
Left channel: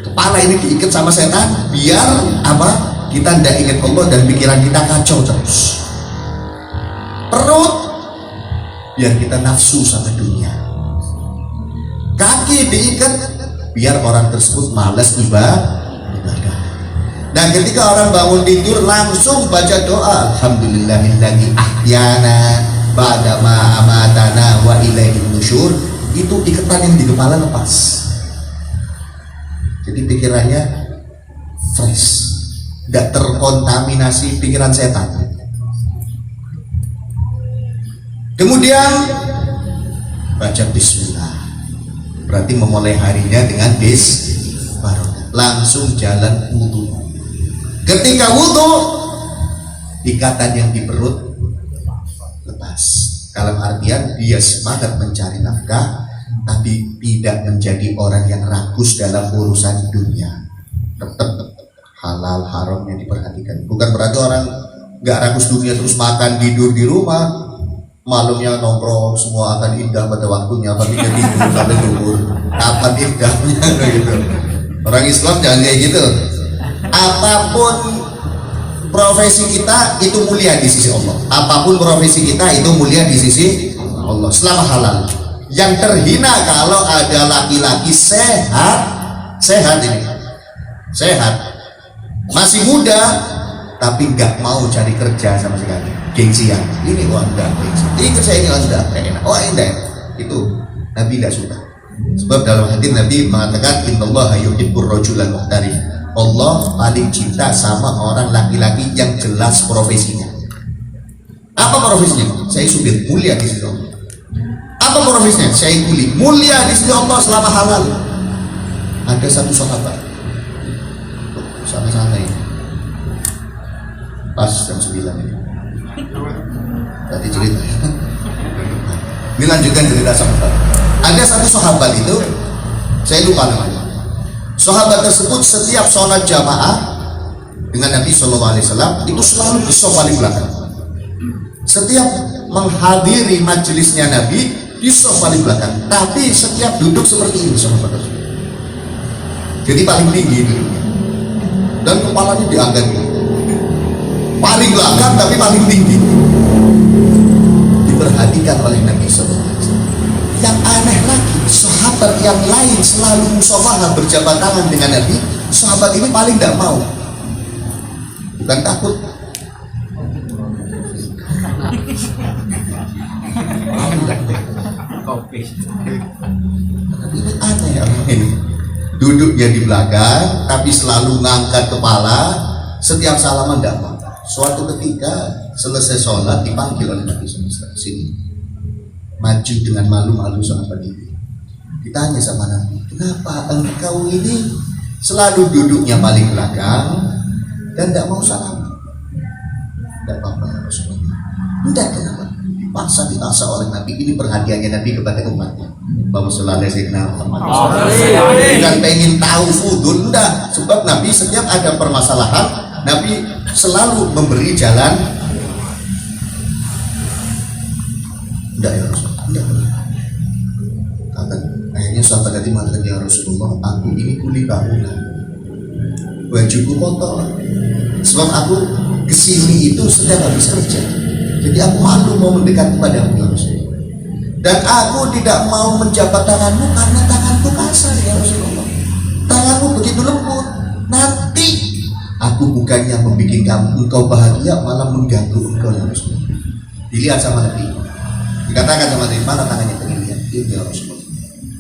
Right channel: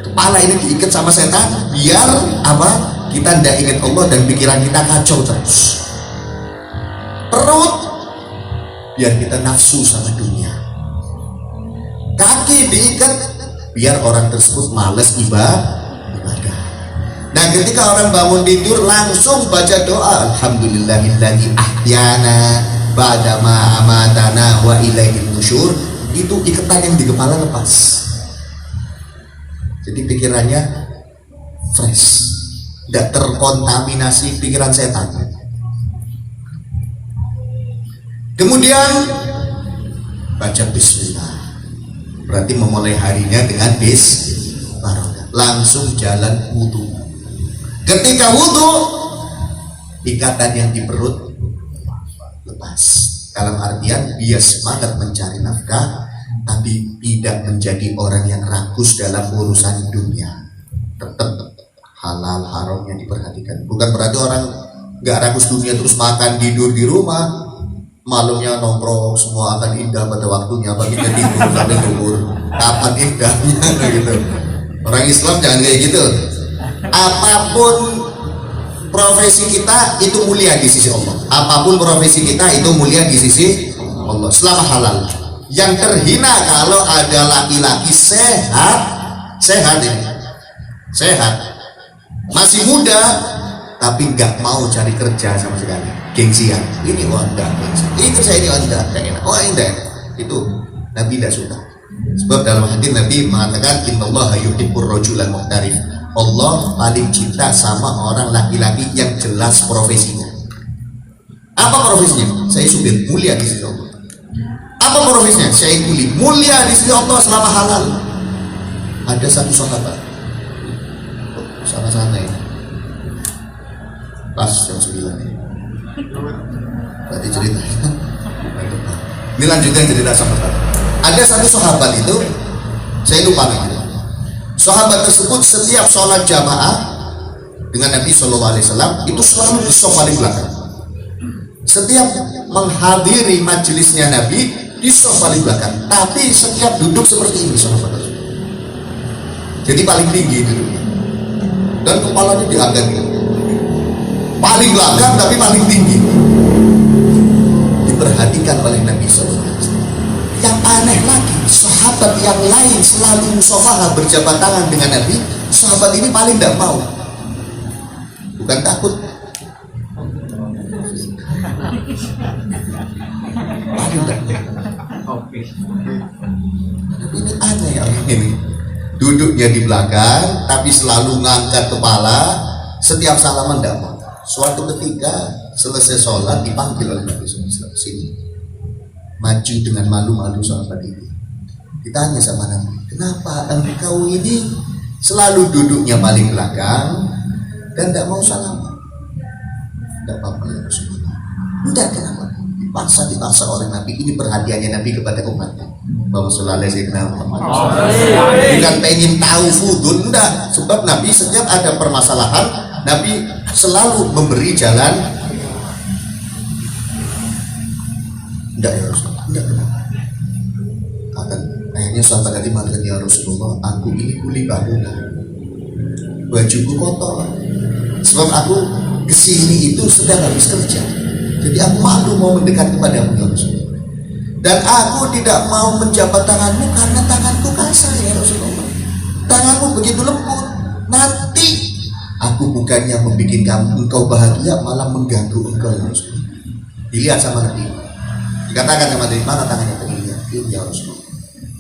Kepala ini diikat sama setan biar apa? Kita tidak ingat Allah dan pikiran kita kacau terus. Perut biar kita nafsu sama dunia. Kaki diikat biar orang tersebut malas ibadah. Dan ketika orang bangun tidur langsung baca doa, alhamdulillahilladzi ahyana ba'da ma amatana wa ilaihil nusyur. Itu ikatan yang di kepala lepas. Jadi pikirannya fresh. tidak terkontaminasi pikiran setan. Kemudian baca bismillah, berarti memulai harinya dengan bismillah, langsung jalan wudhu. Ketika wudhu, ikatan yang di perut lepas, dalam artian dia semangat mencari nafkah, tapi tidak menjadi orang yang rakus dalam urusan dunia. Tetap halal haramnya diperhatikan. Bukan berarti orang nggak rakus dunia terus makan tidur di rumah, malamnya nongkrong, semua akan indah pada waktunya, tapi tidur sampai tidur kapan indahnya gitu. Orang Islam jangan kayak gitu. Apapun profesi kita itu mulia di sisi Allah. Apapun profesi kita itu mulia di sisi Allah selama halal. Yang terhina kalau ada laki-laki sehat ini, sehat, masih muda, tapi nggak mau cari kerja sama sekali, gengsian. Ini Anda, itu saya ini Anda, enak. Oh indah, itu Nabi tidak suka. Sebab dalam hadis Nabi mengatakan, Innallaha yuhibbur rajulan muhtarif. Allah paling cinta sama orang laki-laki yang jelas profesinya. Apa profesinya? Saya supir, mulia di sisi Allah. Apa profesinya? Saya kuli, mulia di sisi Allah selama halal. Ada satu sahabat, sama-sama ini, pas jam 9 ini. Tadi cerita. Ini lanjutkan cerita sahabat. Ada satu sahabat itu, saya lupa namanya. Sahabat tersebut setiap sholat jamaah dengan Nabi SAW itu selalu di sofa paling belakang. Setiap menghadiri majelisnya Nabi di sofa paling belakang. Tapi setiap duduk seperti ini, sahabat. Jadi paling tinggi duduknya. Dan kepalanya diangkat gitu. Paling belakang tapi paling tinggi. Diperhatikan oleh Nabi SAW. Yang aneh lagi, sahabat yang lain selalu musafaha berjabat tangan dengan Nabi. Sahabat ini paling tidak mau. Bukan takut, tapi ini aneh orang ini. Duduknya di belakang, tapi selalu ngangkat kepala. Setiap salaman tidak mau. Suatu ketika selesai sholat dipanggil oleh Nabi SAW. Sini, maju dengan malu-malu sahabat ini. Ditanya sama Nabi, kenapa engkau ini selalu duduknya paling belakang dan tidak mau salaman? Tidak apa-apa ya Rasulullah. Tidak, kenapa? Dipaksa oleh Nabi. Ini perhatiannya Nabi kepada umatnya. Bahwa selalu saya kenal Muhammad. Bukan pengen tahu fudul, enggak. Sebab Nabi setiap ada permasalahan, Nabi selalu memberi jalan. Enggak ya Rasulullah, enggak. Akhirnya sahabat tadi mengatakan, ya Rasulullah, aku ini kuli bangunan, bajuku kotor. Sebab aku kesini itu sedang habis kerja. Jadi aku malu mau mendekat kepadamu ya Rasulullah. Dan aku tidak mau menjabat tanganmu karena tanganku kasar ya Rasulullah. Tanganmu begitu lembut. Nanti aku bukannya membuat kamu engkau bahagia, malah mengganggu engkau ya Rasulullah. Dilihat sama Nabi. Dikatakan sama Nabi, mana tangannya tadi lihat? Ya Rasulullah.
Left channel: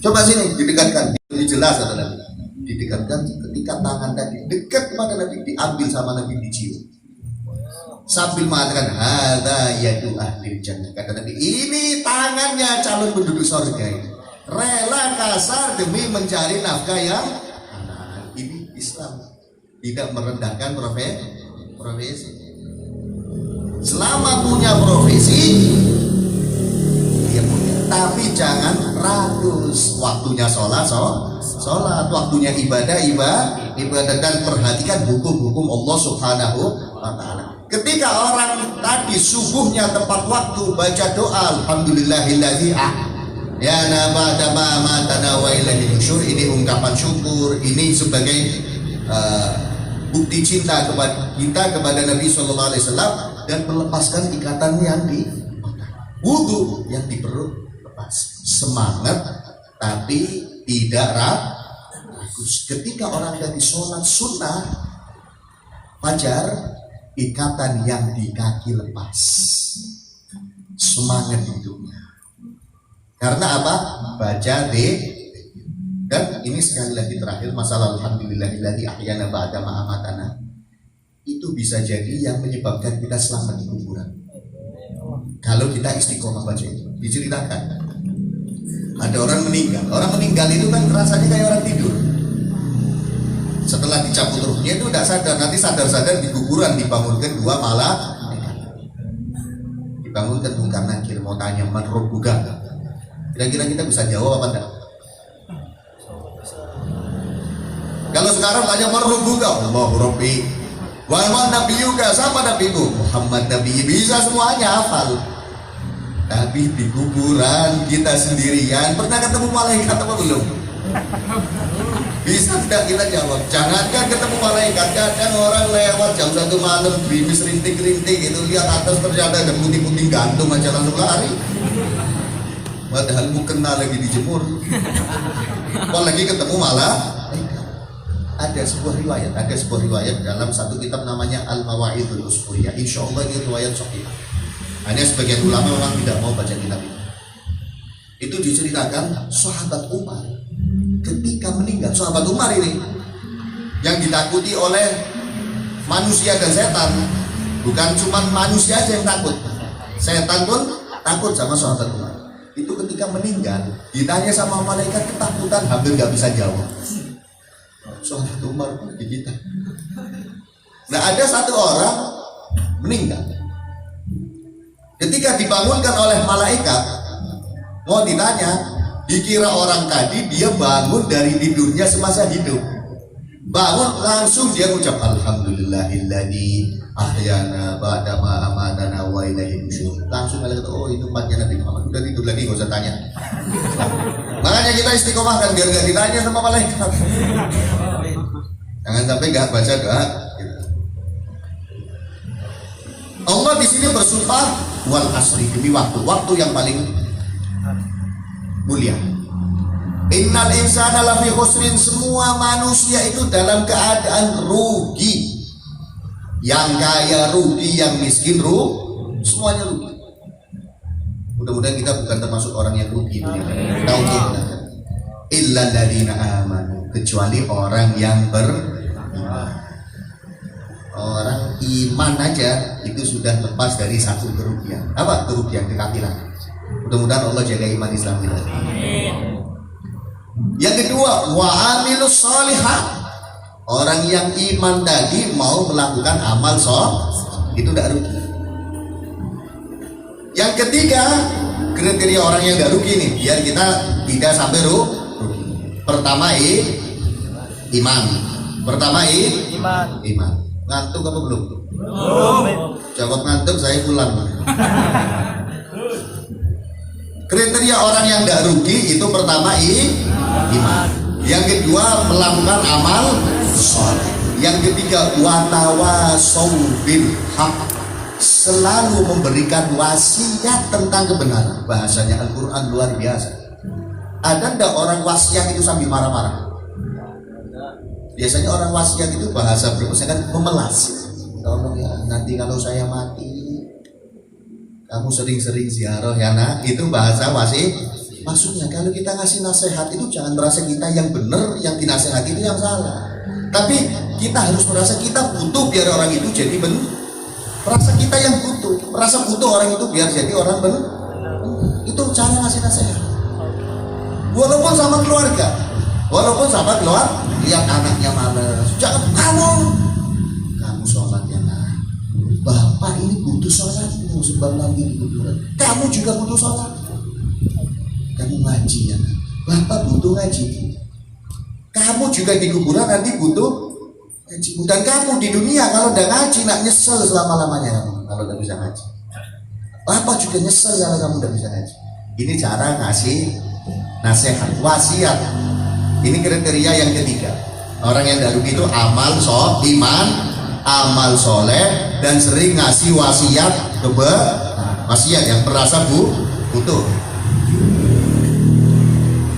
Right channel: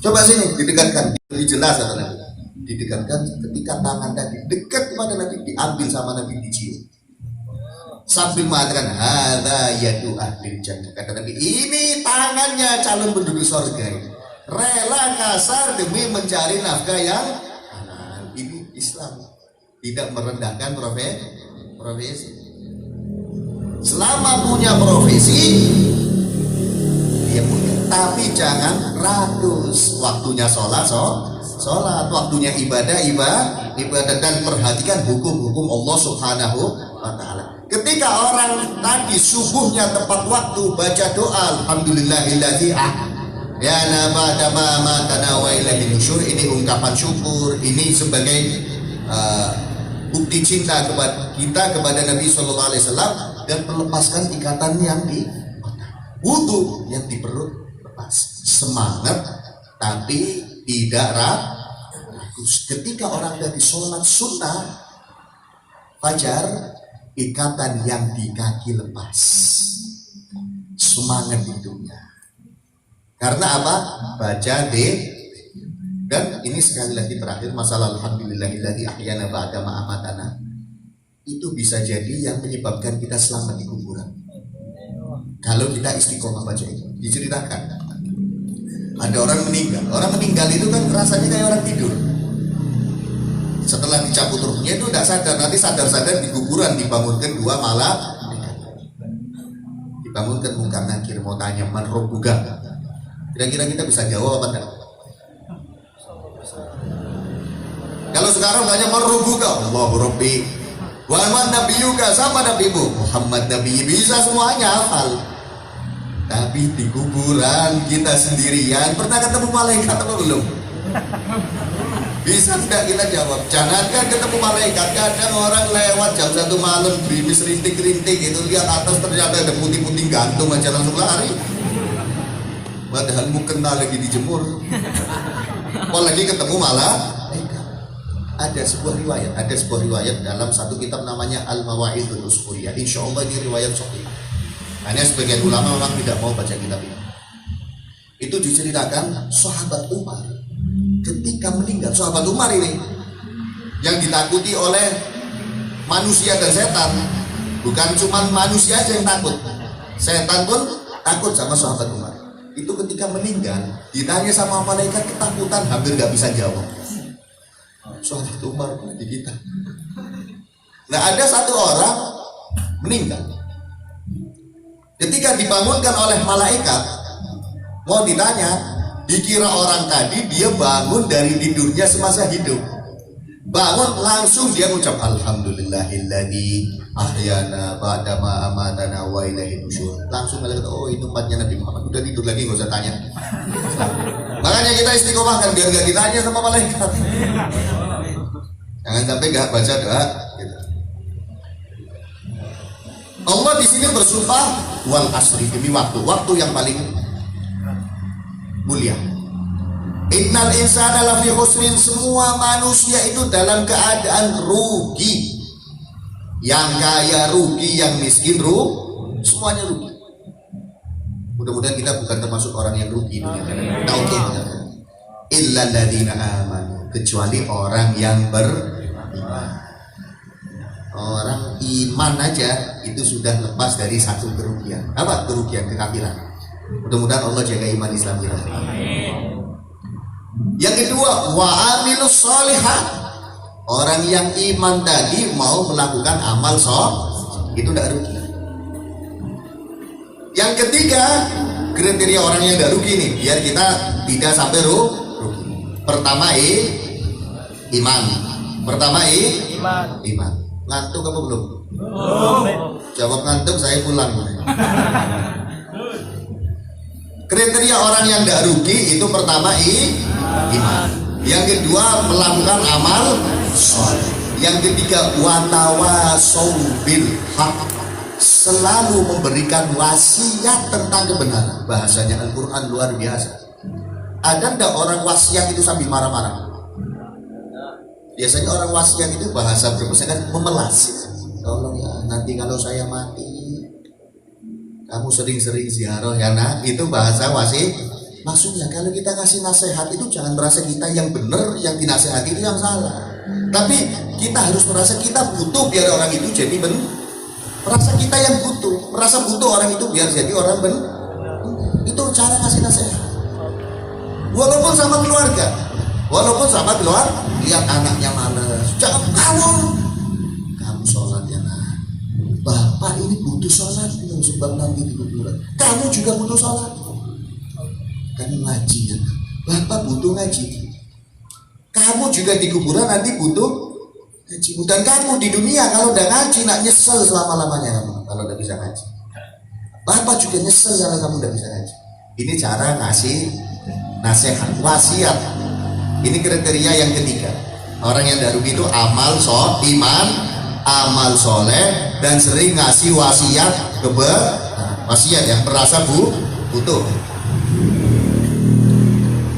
Coba sini didekatkan, lebih jelas kata Nabi. Didekatkan ketika tangan tadi dekat kepada Nabi, diambil sama Nabi, dicium. Sambil mengatakan hadza yadu ahli jannah, kata Nabi, ini tangannya calon penduduk surga ini. Rela kasar demi mencari nafkah yang halal. Ini Islam, tidak merendahkan profesi. Selama punya profesi dia punya, tapi jangan rakus. Waktunya sholat, waktunya ibadah, dan perhatikan hukum-hukum Allah Subhanahu wa Ta'ala. Ketika orang tadi subuhnya tepat waktu baca doa alhamdulillahilladzi ya nabada ma matana wa ilaihi nusyur, ini ungkapan syukur, ini sebagai bukti cinta kepada kita kepada Nabi sallallahu alaihi wasallam, dan melepaskan ikatan yang di wudu, yang di perut lepas. Semangat tapi tidak rakus. Ketika orang tadi sholat sunnah fajar, ikatan yang di kaki lepas, semangat hidupnya. Karena apa? Baca dan ini sekali lagi terakhir masalah alhamdulillahilladzi ahyana ba'da ma amatana. itu bisa jadi yang menyebabkan kita selamat di kuburan. Kalau kita istiqomah baca itu. Diceritakan ada orang meninggal itu kan rasanya kayak orang tidur. Setelah dicabut ruhnya itu tidak sadar, nanti sadar-sadar di kuburan dibangunkan dua malaikat. Dibangunkan Munkar Nakir mau tanya man rabbuka. Kira-kira kita bisa jawab apa enggak? Kalau sekarang tanya man rabbuka, Allahu Rabbi. Wa man nabiyuka, siapa nabimu? Muhammad Nabi, bisa semuanya hafal. Tapi di kuburan kita sendirian pernah ketemu malaikat apa belum? Bisa tidak kita jawab? Jangankan ketemu malaikat, kadang orang lewat jam 1 malam gerimis rintik-rintik itu lihat atas ternyata ada putih-putih gantung aja langsung lari. Padahal mau kenal lagi dijemur. Apalagi ketemu malaikat. Ada sebuah riwayat dalam satu kitab namanya Al-Mawa'idul Usfuriyah. Insya Allah ini riwayat sahih. Hanya sebagian ulama memang tidak mau baca kitab ini. Itu diceritakan sahabat Umar ketika meninggal. Sahabat Umar ini yang ditakuti oleh manusia dan setan. Bukan cuma manusia aja yang takut, setan pun takut sama sahabat Umar. Itu ketika meninggal ditanya sama malaikat ketakutan hampir gak bisa jawab. Sahabat Umar di kita. Nah ada satu orang meninggal. Ketika dibangunkan oleh malaikat, mau ditanya, dikira orang tadi dia bangun dari tidurnya semasa hidup. Bangun langsung dia ucap alhamdulillahilladzi ahyana ba'da ma amatana wa ilaihi nusyur. Langsung malaikat, oh itu umatnya Nabi Muhammad. Udah tidur lagi enggak usah tanya. Makanya kita istiqomah kan biar enggak ditanya sama malaikat. Jangan sampai enggak baca doa gitu. Allah di sini bersumpah wal asri, demi waktu yang paling mulia. Innal insana lafi khusrin, semua manusia itu dalam keadaan rugi. Yang kaya rugi, yang miskin rugi, semuanya rugi. Mudah-mudahan kita bukan termasuk orang yang rugi. Kita untungnya. Illa alladziina amanu, kecuali orang yang beriman. Orang iman aja itu sudah lepas dari satu kerugian. Apa kerugian? Kekafiran. Mudah-mudahan Allah jaga iman Islam kita. Yang kedua, wa amilus sholihat. Orang yang iman tadi mau melakukan amal soleh, itu tidak rugi. Yang ketiga, kriteria orang yang tidak rugi nih, biar kita tidak sampai rugi. Pertama iman. Iman. Ngantuk apa belum? Jawab ngantuk, saya pulang. Kriteria orang yang tidak rugi itu pertama iman. Yang kedua melakukan amal soleh. Yang ketiga watawasau bil haq, selalu memberikan wasiat tentang kebenaran. Bahasanya Al-Quran luar biasa. Ada ndak orang wasiat itu sambil marah-marah? Biasanya orang wasiat itu bahasa kan memelas. Tolong ya, nanti kalau saya mati kamu sering-sering ziarah ya nak. Itu bahasa wasiat. Maksudnya kalau kita ngasih nasihat itu jangan merasa kita yang benar, yang dinasehati itu yang salah. Tapi kita harus merasa kita butuh biar orang itu jadi benar. Merasa kita yang butuh, merasa butuh orang itu biar jadi orang benar. Itu cara ngasih nasihat. Walaupun sama keluarga, lihat anaknya malas, jangan kamu sholat ya nak. Bapak ini butuh sholat sebab nanti di kuburan. Kamu juga butuh sholat. Kamu ngaji ya nak. Bapak butuh ngaji. Kamu juga di kuburan nanti butuh ngaji. Dan kamu di dunia kalau udah ngaji nak nyesel selama-lamanya kamu kalau udah bisa ngaji. Bapak juga nyesel kalau kamu udah bisa ngaji. Ini cara ngasih nasihat, wasiat. Ini kriteria yang ketiga. Orang yang daru itu iman, amal soleh, dan sering ngasih wasiat wasiat yang merasa butuh.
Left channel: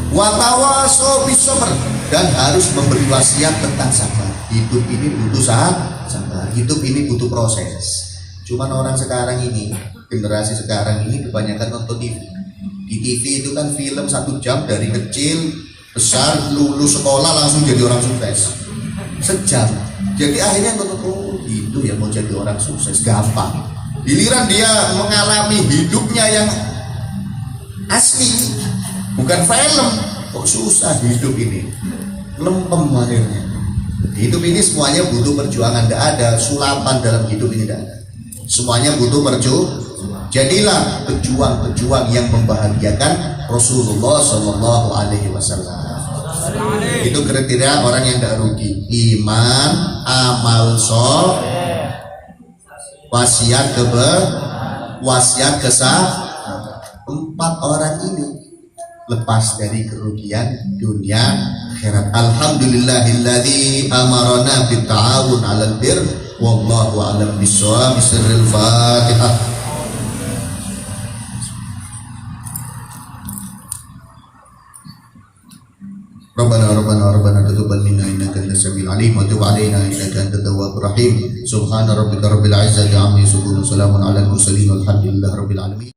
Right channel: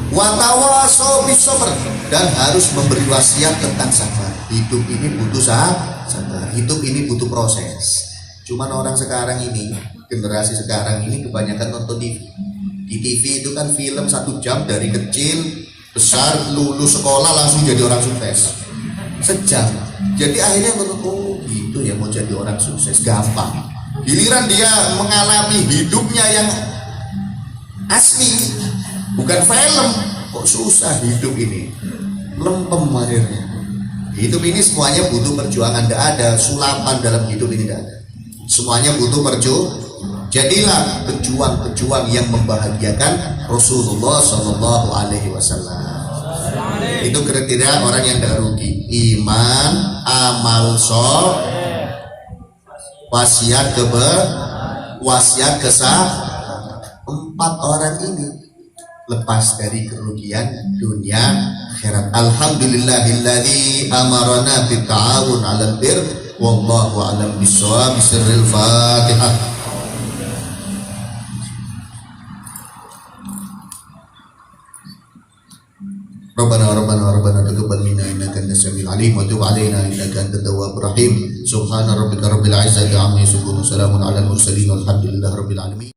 Watawasau bis sabr, dan harus memberi wasiat tentang sabar. Hidup ini butuh sabar. Hidup ini butuh proses. Cuman orang sekarang ini, generasi sekarang ini kebanyakan nonton TV. Di TV itu kan film 1 jam dari kecil besar, lulus sekolah langsung jadi orang sukses. Sejam. Jadi akhirnya oh gitu dia mau jadi orang sukses gampang. Giliran dia mengalami hidupnya yang asli, bukan film, kok susah hidup ini, lempem akhirnya. Hidup ini semuanya butuh perjuangan, tidak ada sulapan dalam hidup ini, tidak ada. Semuanya butuh perjuangan. Jadilah pejuang-pejuang yang membahagiakan Rasulullah Shallallahu Alaihi Wasallam. Itu kriteria orang yang tidak rugi: iman, amal soleh, wasiat kesah. 4 orang ini lepas dari kerugian dunia akhirat. Alhamdulillahilladzi amarna bit ta'awun 'alal birr wallahu a'lam bissawab. Bismillahil Fatihah. Rabbana taqabbal minna innaka antas samiul alim wa tub 'alaina innaka antat tawwabur rahim. Subhana rabbika rabbil izzati 'amma yasifun, salamun alal mursalin walhamdulillahi rabbil alamin.